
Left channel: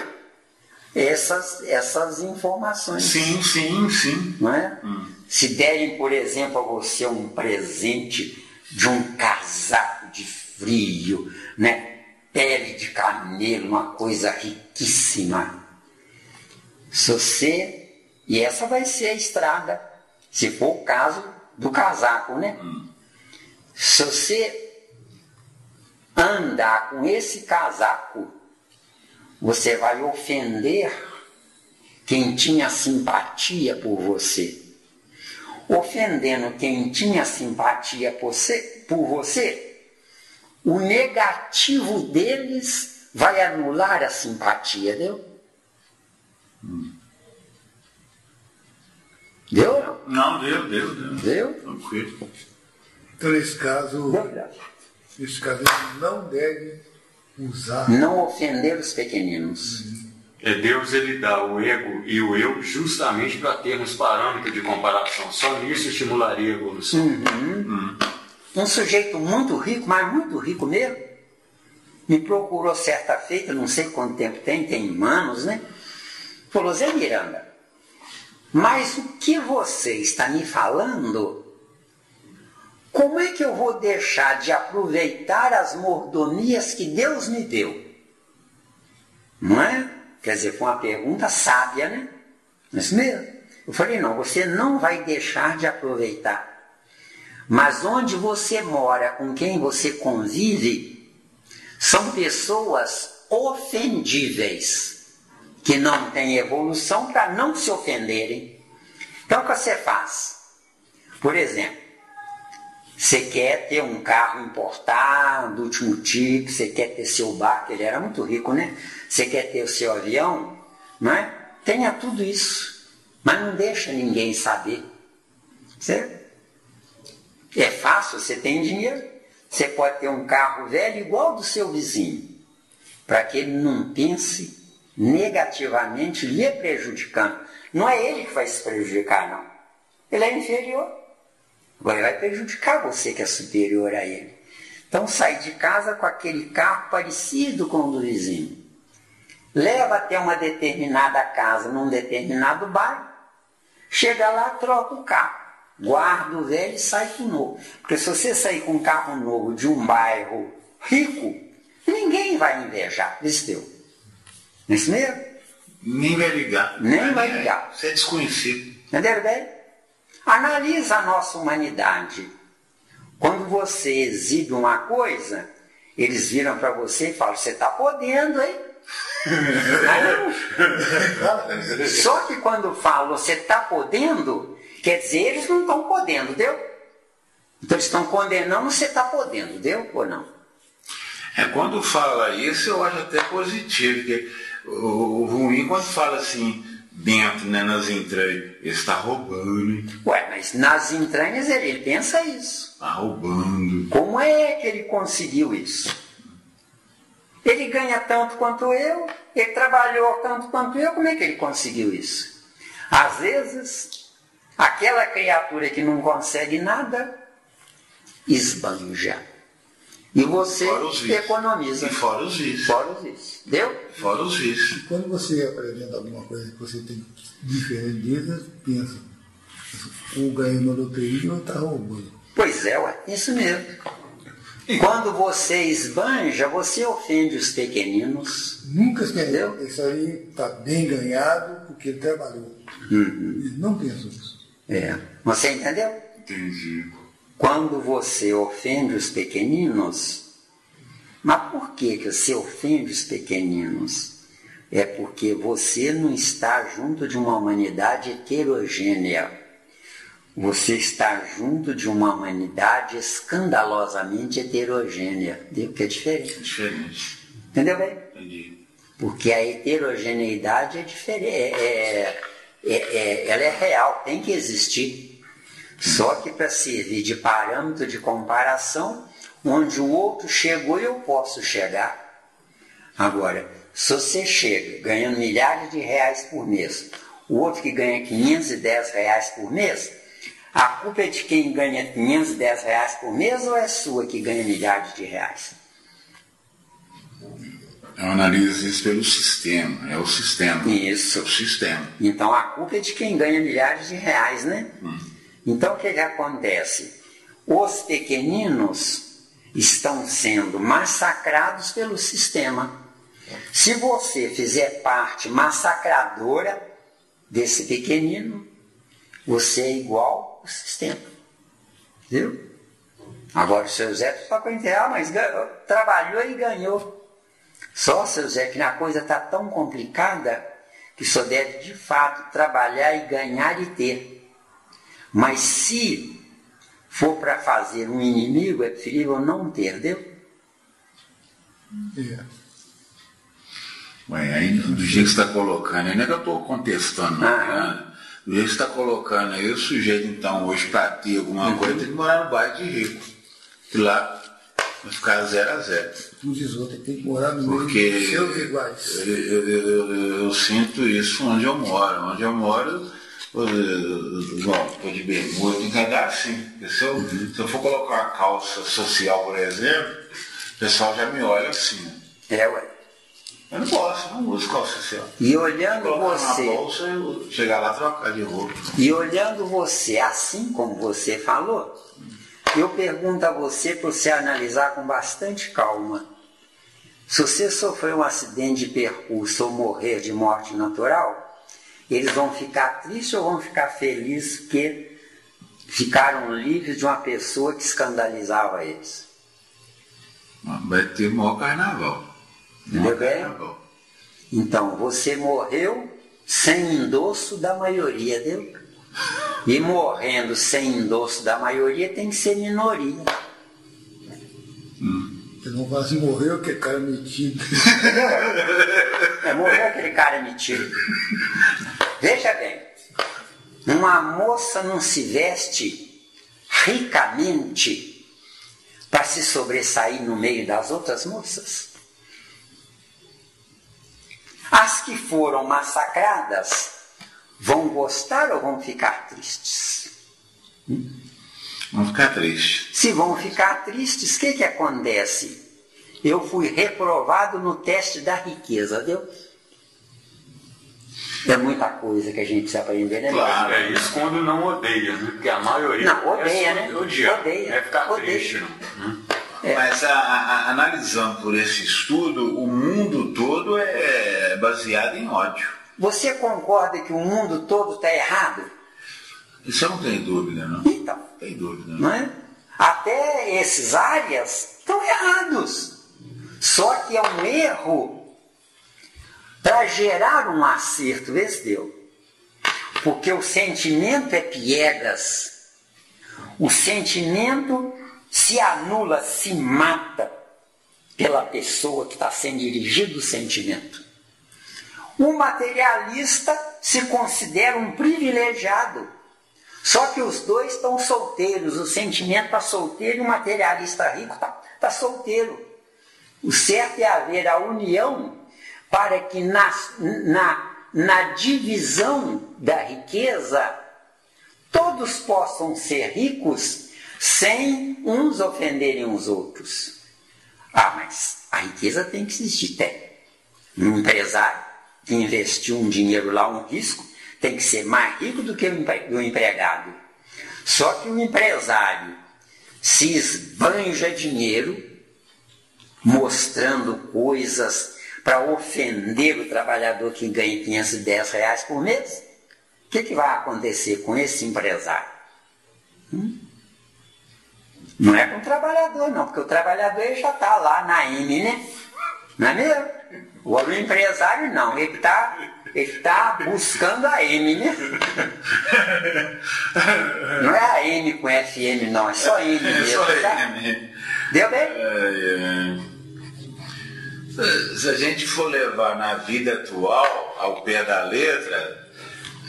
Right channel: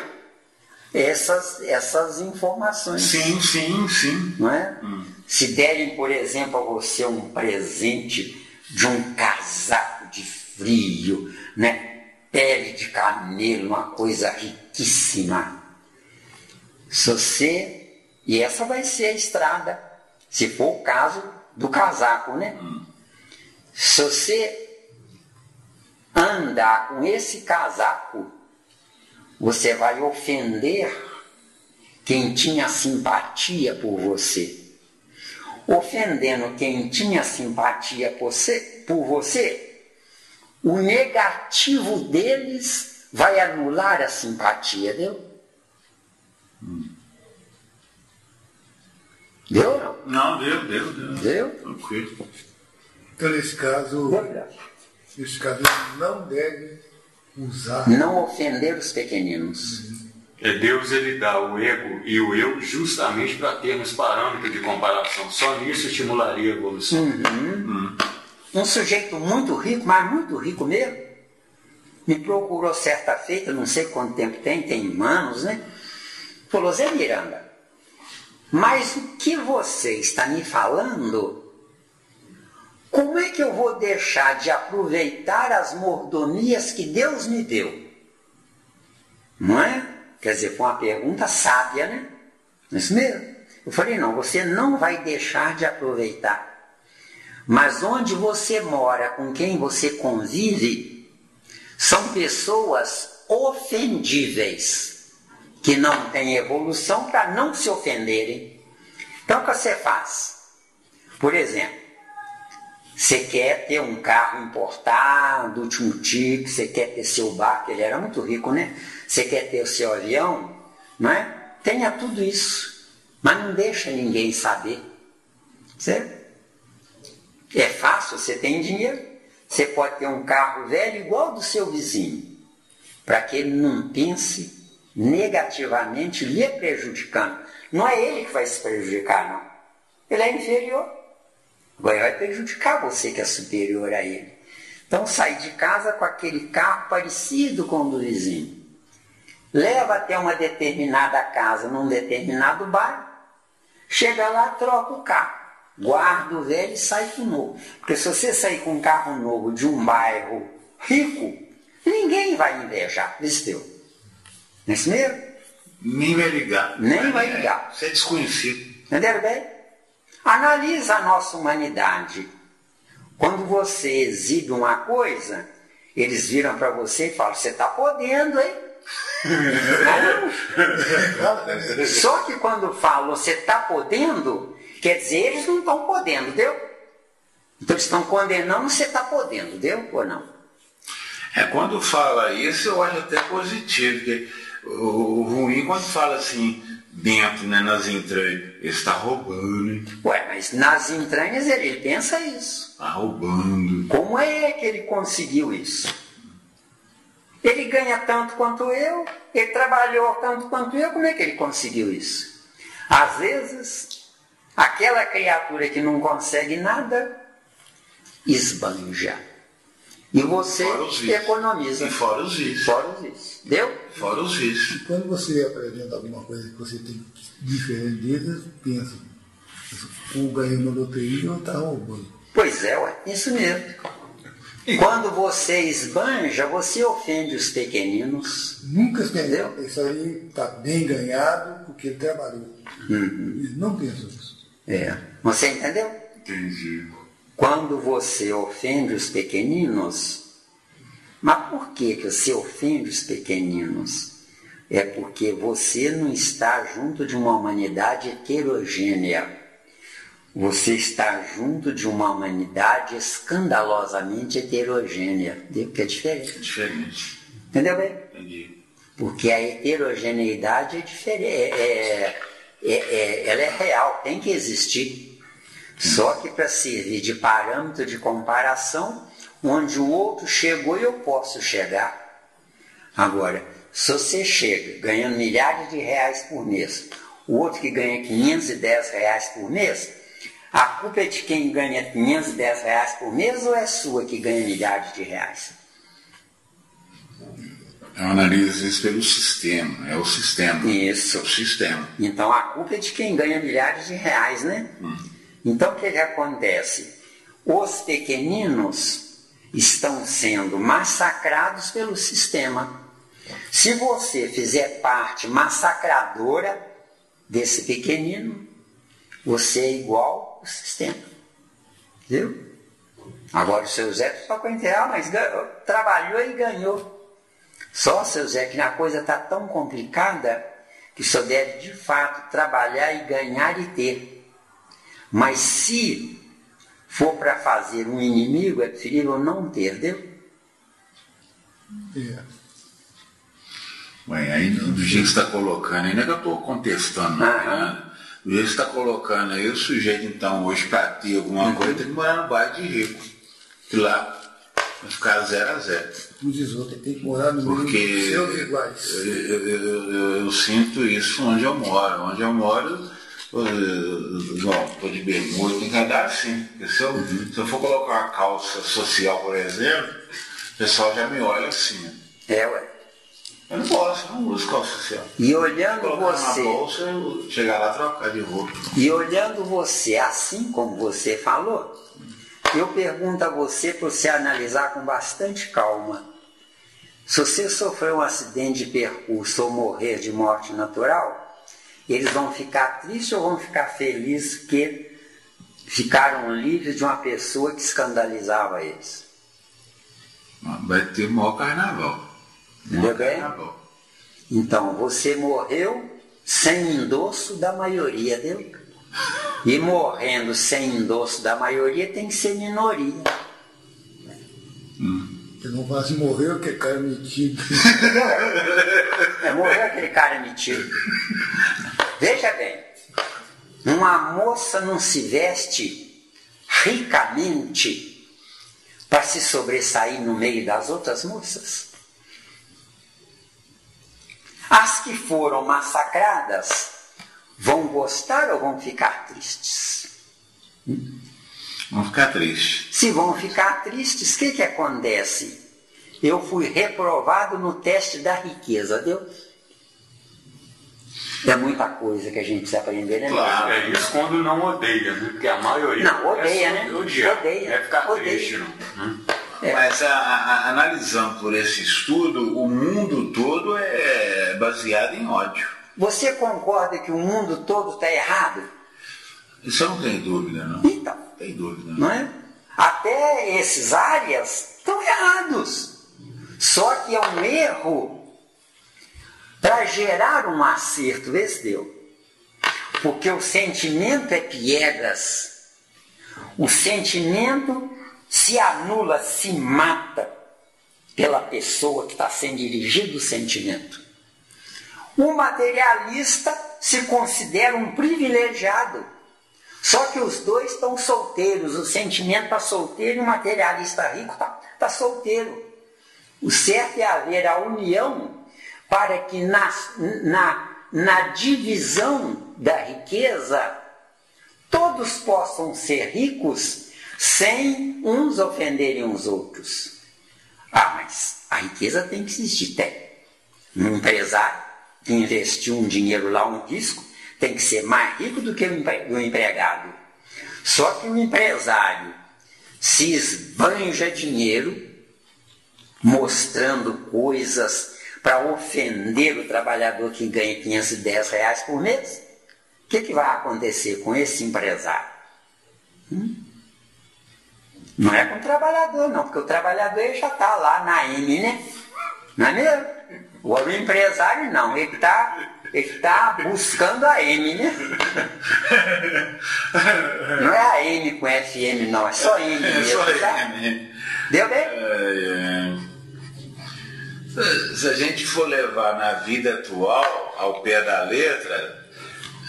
essas informações. Sim. Não é? Se derem, por exemplo, a você um presente de um casaco de frio, né? Pele de camelo, uma coisa riquíssima. E essa vai ser a estrada, se for o caso do casaco, né? Se você andar com esse casaco, você vai ofender quem tinha simpatia por você. Ofendendo quem tinha simpatia por você, o negativo deles vai anular a simpatia, deu? Deu? Não, deu. Deu? Tranquilo. Então, nesse caso, não deve usar. Não ofender os pequeninos. Deus, ele dá o ego e o eu justamente para termos parâmetro de comparação. Só nisso estimularia a evolução. Um sujeito muito rico, mas muito rico mesmo, me procurou certa feita, não sei quanto tempo tem anos, né? Falou: Zé Miranda, mas o que você está me falando, como é que eu vou deixar de aproveitar as mordomias que Deus me deu? Não é? Quer dizer, foi uma pergunta sábia, né? Não é isso mesmo? Eu falei: não, você não vai deixar de aproveitar. Mas onde você mora, com quem você convive, são pessoas ofendíveis, que não têm evolução para não se ofenderem. Então o que você faz? Por exemplo, você quer ter um carro importado, último tipo, você quer ter seu barco, ele era muito rico, né? Você quer ter o seu avião, não é? Tenha tudo isso, mas não deixa ninguém saber. Certo? É fácil, você tem dinheiro, você pode ter um carro velho igual ao do seu vizinho, para que ele não pense negativamente lhe prejudicando. Não é ele que vai se prejudicar, não. Ele é inferior. Vai prejudicar você que é superior a ele. Então sai de casa com aquele carro parecido com o do vizinho. Leva até uma determinada casa, num determinado bairro. Chega lá, troca o carro. Guarda o velho e sai com o novo. Porque se você sair com um carro novo de um bairro rico, ninguém vai invejar. Isso deu. Não é isso mesmo? Nem vai ligar. Nem vai ligar. Você é desconhecido. Entendeu bem? Analisa a nossa humanidade. Quando você exibe uma coisa, eles viram para você e falam: você está podendo, hein? Só que quando falam você está podendo, quer dizer, eles não estão podendo, deu? Então eles estão condenando, você está podendo, deu ou não? Quando fala isso, eu acho até positivo, porque o ruim quando fala assim, dentro, né, nas entranhas, ele está roubando. Hein? Ué, mas nas entranhas ele pensa isso. Está roubando. Como é que ele conseguiu isso? Ele ganha tanto quanto eu, ele trabalhou tanto quanto eu, como é que ele conseguiu isso? Às vezes, aquela criatura que não consegue nada, esbanja. E você economiza. E fora os vícios. Fora os vícios. Deu? Fora os vícios. Quando você apresenta alguma coisa que você tem diferente disso, pensa, ou ganhou uma loteria ou está roubando. Pois é, ué, isso mesmo. Quando você esbanja, você ofende os pequeninos. Nunca Entendeu? entendeu? Isso aí está bem ganhado porque ele trabalhou. Eles não pensam isso. Você entendeu? Entendi. Quando você ofende os pequeninos, mas por que você ofende os pequeninos? É porque você não está junto de uma humanidade heterogênea. Você está junto de uma humanidade escandalosamente heterogênea. Que é diferente. Diferente. Entendeu bem? Entendi. Porque a heterogeneidade é diferente. Ela é real, tem que existir. Só que para servir de parâmetro de comparação, onde o outro chegou eu posso chegar. Agora, se você chega ganhando milhares de reais por mês, o outro que ganha 510 reais por mês, a culpa é de quem ganha 510 reais por mês ou é sua que ganha milhares de reais? Eu analiso isso pelo sistema. É o sistema. Isso. É o sistema. Então a culpa é de quem ganha milhares de reais, né? Então o que acontece? Os pequeninos estão sendo massacrados pelo sistema. Se você fizer parte massacradora desse pequenino, você é igual ao sistema. Viu? Agora o seu Zé só para entender, mas trabalhou e ganhou. Só, seu Zé, que a coisa está tão complicada que o senhor deve de fato trabalhar e ganhar e ter. Mas se for para fazer um inimigo, é preferível não ter, entendeu? Bem, aí do jeito que você está colocando, ainda que eu estou contestando nada, do jeito que você está colocando aí, o sujeito então hoje para ter alguma coisa tem que morar no bairro de rico. E lá vai ficar 0 a 0. Os outros tem que morar no meio Porque dos seus iguais. eu sinto isso onde eu moro. Onde eu moro, estou de bermuda, tem que andar assim. Se eu for colocar uma calça social, por exemplo, o pessoal já me olha assim. Ué. Eu não posso, eu não uso calça social. E olhando Colocar você, na bolsa, eu chegar lá e trocar de roupa. e olhando você assim como você falou, eu pergunto a você para você analisar com bastante calma. Se você sofrer um acidente de percurso ou morrer de morte natural, eles vão ficar tristes ou vão ficar felizes porque ficaram livres de uma pessoa que escandalizava eles? Vai ter o maior carnaval. Entendeu bem? Então, você morreu sem endosso da maioria, deu? E morrendo sem endosso da maioria tem que ser minoria. Eu não faço morrer aquele cara metido. Morreu aquele cara metido. Veja bem, uma moça não se veste ricamente para se sobressair no meio das outras moças. As que foram massacradas vão gostar ou vão ficar tristes? Vão ficar tristes. Se vão ficar tristes, o que acontece? Eu fui reprovado no teste da riqueza, viu? É muita coisa que a gente precisa aprender, né? Claro, é isso quando não odeia, porque a maioria Não, odeia, né? Odiar, Odeia, é ficar odeia. triste, não. Mas analisando por esse estudo, o mundo todo é baseado em ódio. Você concorda que o mundo todo está errado? Isso eu não tenho dúvida, não. Então, Não tem dúvida, não. não é? Até esses áreas estão errados. Só que é um erro para gerar um acerto, vê se deu. Porque o sentimento é piegas. O sentimento se anula, se mata pela pessoa que está sendo dirigido o sentimento. O materialista se considera um privilegiado. Só que os dois estão solteiros. O sentimento está solteiro e o materialista rico está solteiro. O certo é haver a união para que na divisão da riqueza todos possam ser ricos sem uns ofenderem os outros. Ah, mas a riqueza tem que existir, tem. Um empresário que investiu um dinheiro lá, um risco, tem que ser mais rico do que o empregado. Só que o empresário se esbanja dinheiro mostrando coisas para ofender o trabalhador que ganha R$510 por mês. O que vai acontecer com esse empresário? Não é com o trabalhador, não, porque o trabalhador ele já está lá na M, né? Não é mesmo? O empresário não, ele está buscando a M, né? Não é a M com FM, não, é só M mesmo. Só tá? M. Deu bem? Se a gente for levar na vida atual, ao pé da letra,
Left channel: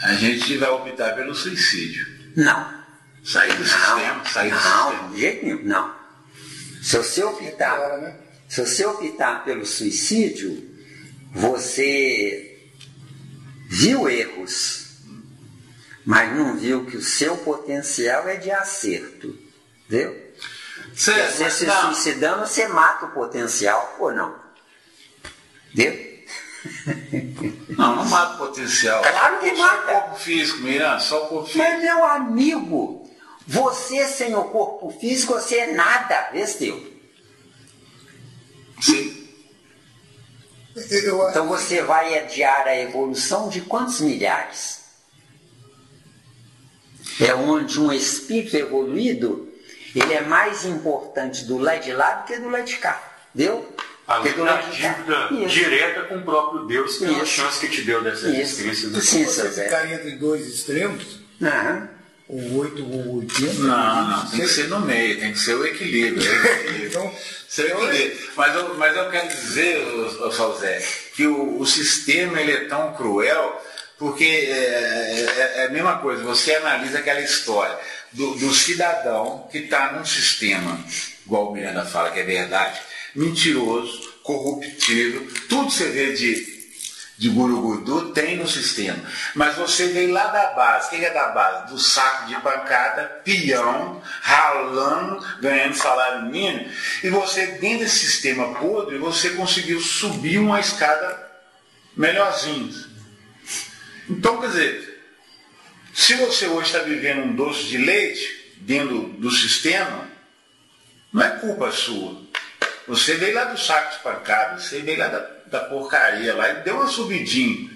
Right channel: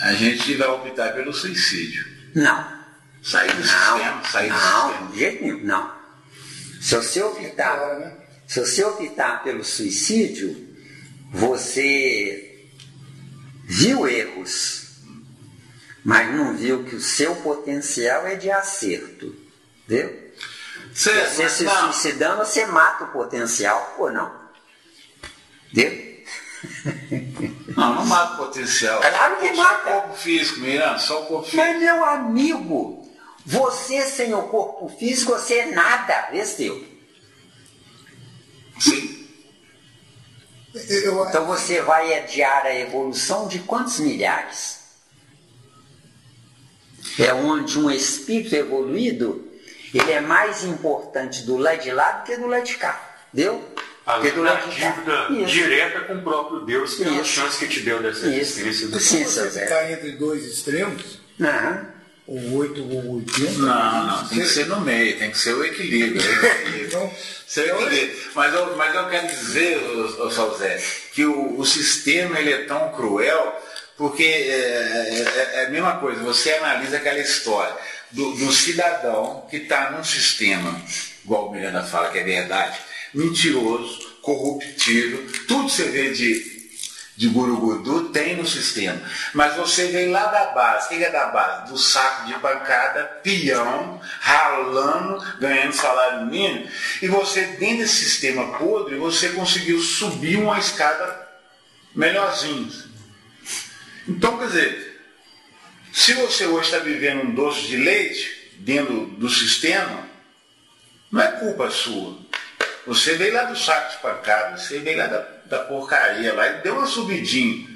a gente vai optar pelo suicídio. Não. Sair do sistema, Não, de jeito nenhum, não. Se você optar pelo suicídio, você viu erros, mas não viu que o seu potencial é de acerto. Entendeu? Você se suicidando, você mata o potencial, ou não? Entendeu? Não mata o potencial. Claro que só mata. Só o corpo físico, Miranda, só o corpo físico. Mas, meu amigo, você sem o corpo físico, você é nada, Esteu. Sim. Então você vai adiar a evolução de quantos milhares? É onde um espírito evoluído, ele é mais importante do lado de lá do que do lado de cá. Deu? Além da dívida direta com o próprio Deus, que é a chance que te deu dessa existência. Se você ficar entre dois extremos, ou 8 ou 80... Não, tem que ser no meio, tem que ser o equilíbrio. Mas eu quero dizer, Salzé, que o sistema ele é tão cruel, porque é a mesma coisa, você analisa aquela história do cidadão que está num sistema, igual o Miranda fala que é verdade, mentiroso, corruptível, tudo você vê de gurugudu tem no sistema. Mas você vem lá da base. O que é da base? Do saco de pancada, peão, ralando, ganhando salário mínimo. E você, dentro desse sistema podre, você conseguiu subir uma escada melhorzinho. Então, quer dizer, se você hoje está vivendo um doce de leite dentro do sistema, não é culpa sua. Você veio lá do saco de pancada, você veio lá da porcaria lá e deu uma subidinha.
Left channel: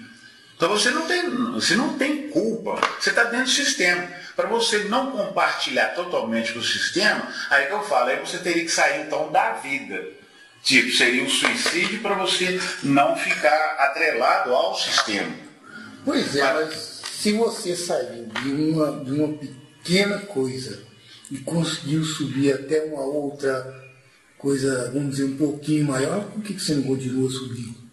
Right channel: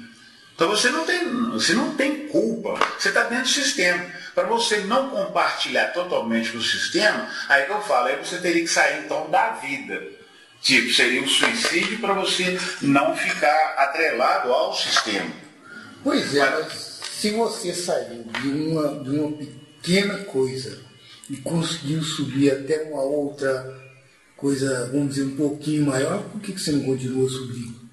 Então você não tem culpa, você está dentro do sistema. Para você não compartilhar totalmente com o sistema, aí que eu falo, aí você teria que sair então da vida. Tipo, seria um suicídio para você não ficar atrelado ao sistema. Pois é, mas se você saiu de uma pequena coisa e conseguiu subir até uma outra coisa, vamos dizer, um pouquinho maior, por que você não continuou subindo?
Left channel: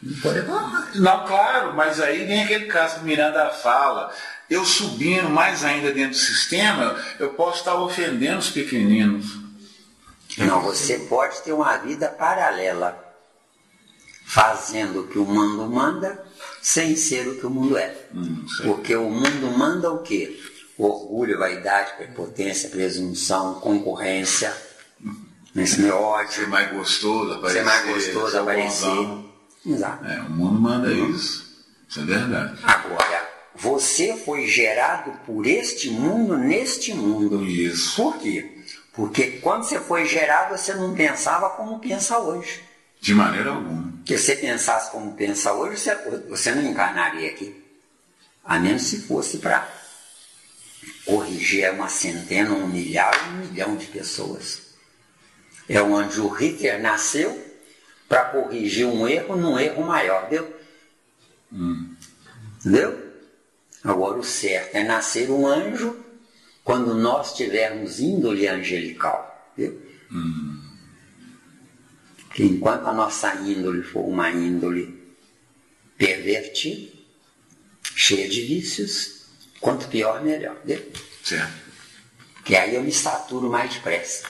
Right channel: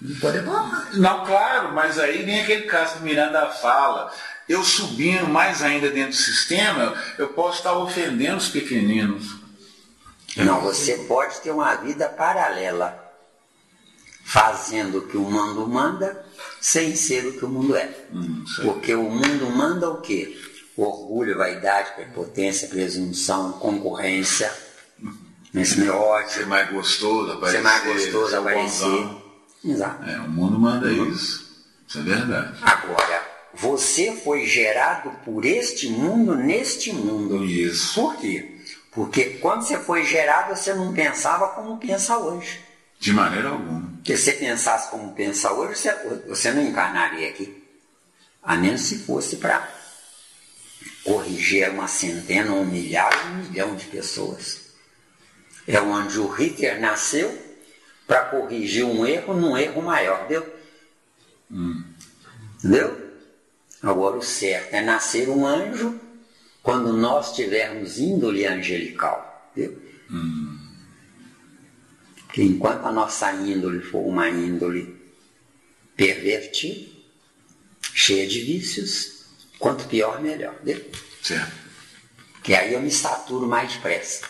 Não pode reclamar. Não, claro, mas aí vem aquele caso que Miranda fala, eu subindo mais ainda dentro do sistema, eu posso estar ofendendo os pequeninos. Não, você pode ter uma vida paralela, fazendo o que o mundo manda, sem ser o que o mundo é. Porque o mundo manda o quê? Orgulho, vaidade, prepotência, presunção, concorrência, ódio. Ser mais gostoso, aparecer. Exato. O mundo manda isso. Isso é verdade. Agora, você foi gerado por este mundo, neste mundo. Isso. Por quê? Porque quando você foi gerado, você não pensava como pensa hoje. De maneira alguma. Porque se você pensasse como pensa hoje, você não encarnaria aqui. A menos se fosse para corrigir uma centena, 1 milhar, 1 milhão de pessoas. É onde o Hitler nasceu para corrigir um erro num erro maior, entendeu? Entendeu? Agora o certo é nascer um anjo quando nós tivermos índole angelical, entendeu? Porque enquanto a nossa índole for uma índole pervertida, cheia de vícios, quanto pior, melhor, entendeu? Certo. Que aí eu me saturo mais depressa.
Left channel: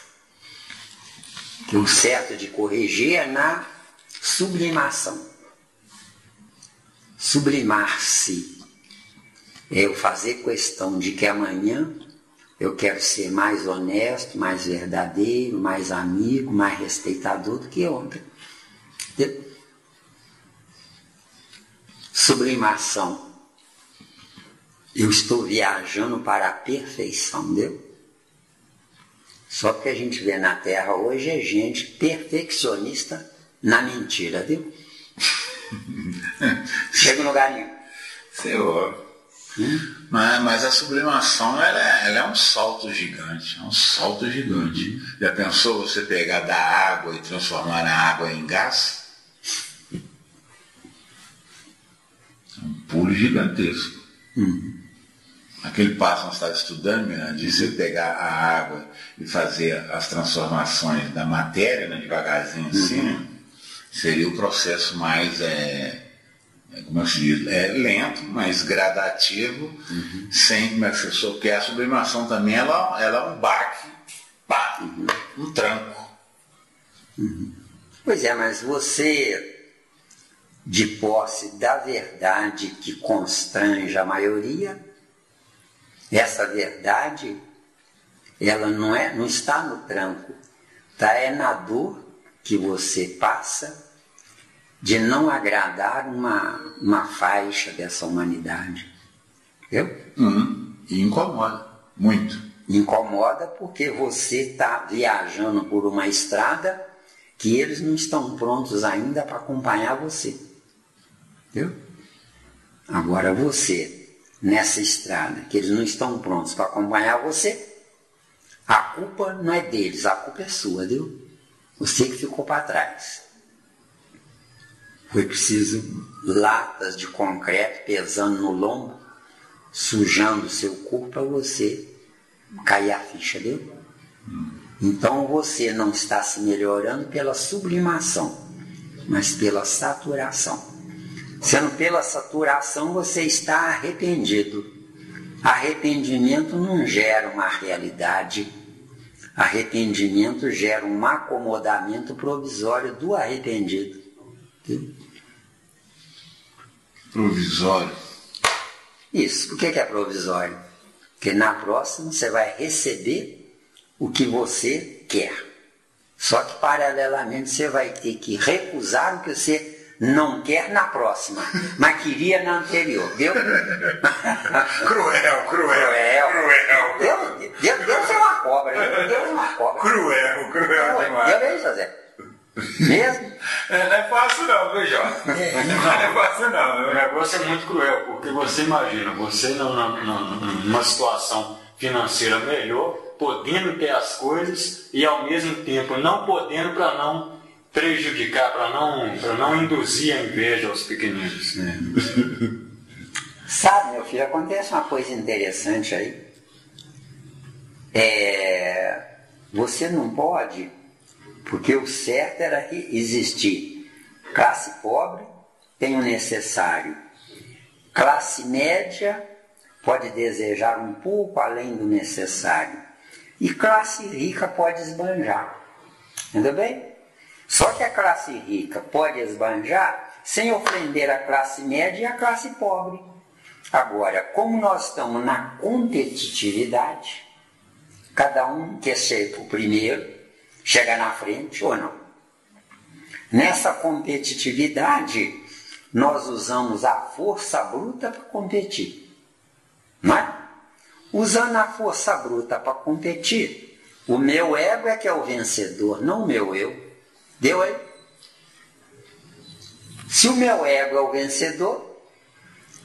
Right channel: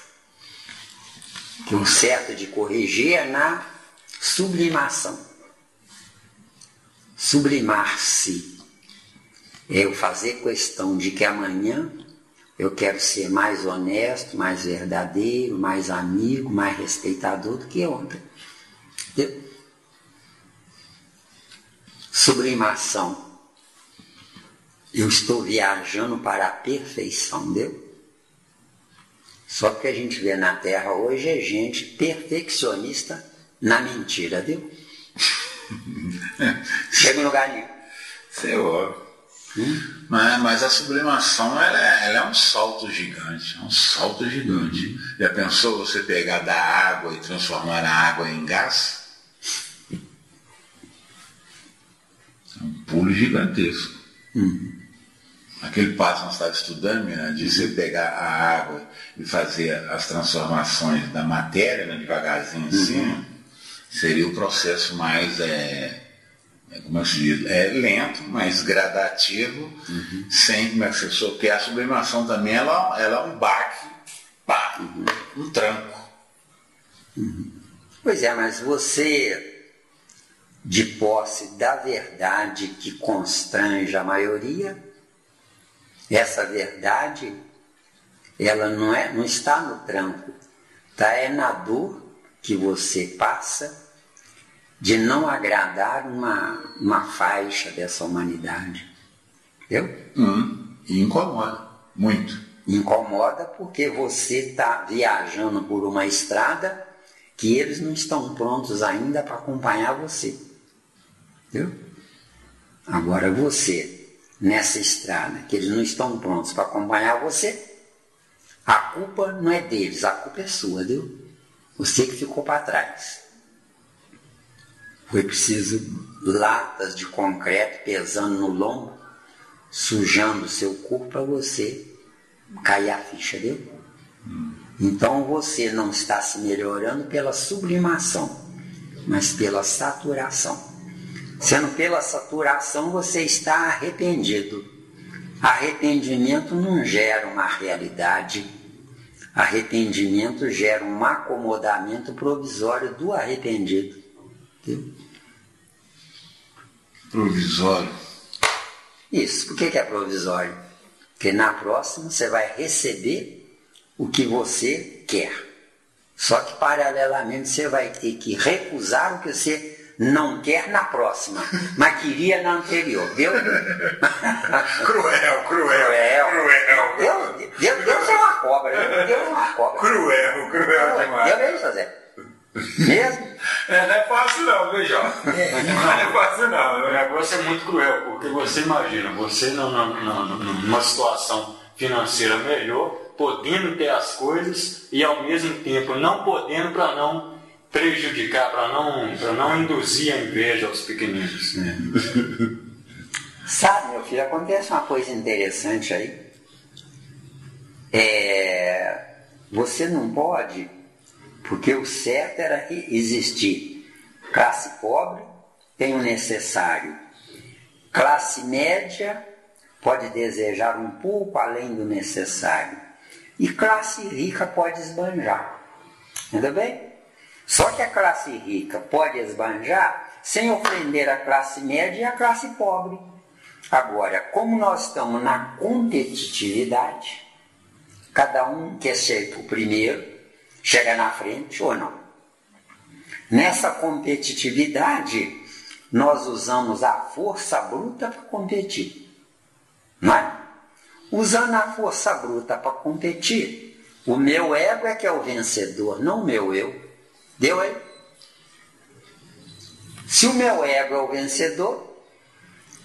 Que o certo de corrigir é na sublimação. Sublimar-se é eu fazer questão de que amanhã Eu quero ser mais honesto, mais verdadeiro, mais amigo, mais respeitador do que ontem. Sublimação. Eu estou viajando para a perfeição, entendeu? Só que a gente vê na Terra hoje é gente perfeccionista na mentira, viu? Chega no lugar nenhum. Senhor. Mas a sublimação ela é um salto gigante. É um salto gigante. Já pensou você pegar da água e transformar a água em gás? É um pulo gigantesco. Aquele passo que nós estávamos estudando, Miranda, de você pegar a água e fazer as transformações da matéria, né, devagarzinho assim, seria o processo mais, como é que se diz, lento, mas gradativo, sem, como é que se diz, porque a sublimação também ela é um baque, um tranco. Pois é, mas você, de posse da verdade que constrange a maioria, essa verdade, ela não está no tranco, está na dor que você passa de não agradar uma faixa dessa humanidade. Entendeu? E incomoda, muito. Incomoda porque você está viajando por uma estrada que eles não estão prontos ainda para acompanhar você. Entendeu? Agora você, nessa estrada, que eles não estão prontos para acompanhar você, a culpa não é deles, a culpa é sua, viu? Você que ficou para trás. Foi preciso latas de concreto pesando no lombo, sujando seu corpo para você cair a ficha, viu? Então você não está se melhorando pela sublimação, mas pela saturação. Sendo pela saturação, você está arrependido. Arrependimento não gera uma realidade. Arrependimento gera um acomodamento provisório do arrependido. Entendeu? Provisório? Isso. Por que é provisório? Porque na próxima você vai receber o que você quer. Só que paralelamente você vai ter que recusar o que você não quer na próxima, mas queria na anterior, viu? Cruel. Deus é uma cobra, Deus é uma cobra. Cruel demais. Deus é fazer. Mesmo? Não é fácil não, viu, Jó? Não é fácil não. O negócio é muito cruel, porque você imagina, você numa situação financeira melhor, podendo ter as coisas e ao mesmo tempo não podendo para não prejudicar, para não induzir a inveja aos pequeninos. Sabe, meu filho, acontece uma coisa interessante aí. Você não pode, porque o certo era existir classe pobre, tem o necessário. Classe média pode desejar um pouco além do necessário. E classe rica pode esbanjar. Entendeu bem? Só que a classe rica pode esbanjar sem ofender a classe média e a classe pobre. Agora, como nós estamos na competitividade, cada um quer ser o primeiro, chega na frente ou não. Nessa competitividade, nós usamos a força bruta para competir. Não é? Usando a força bruta para competir, o meu ego é que é o vencedor, não o meu eu. Deu aí? Se o meu ego é o vencedor,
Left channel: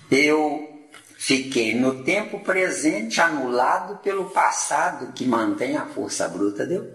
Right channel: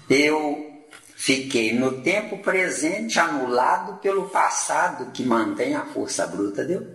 eu fiquei no tempo presente anulado pelo passado que mantém a força bruta, deu?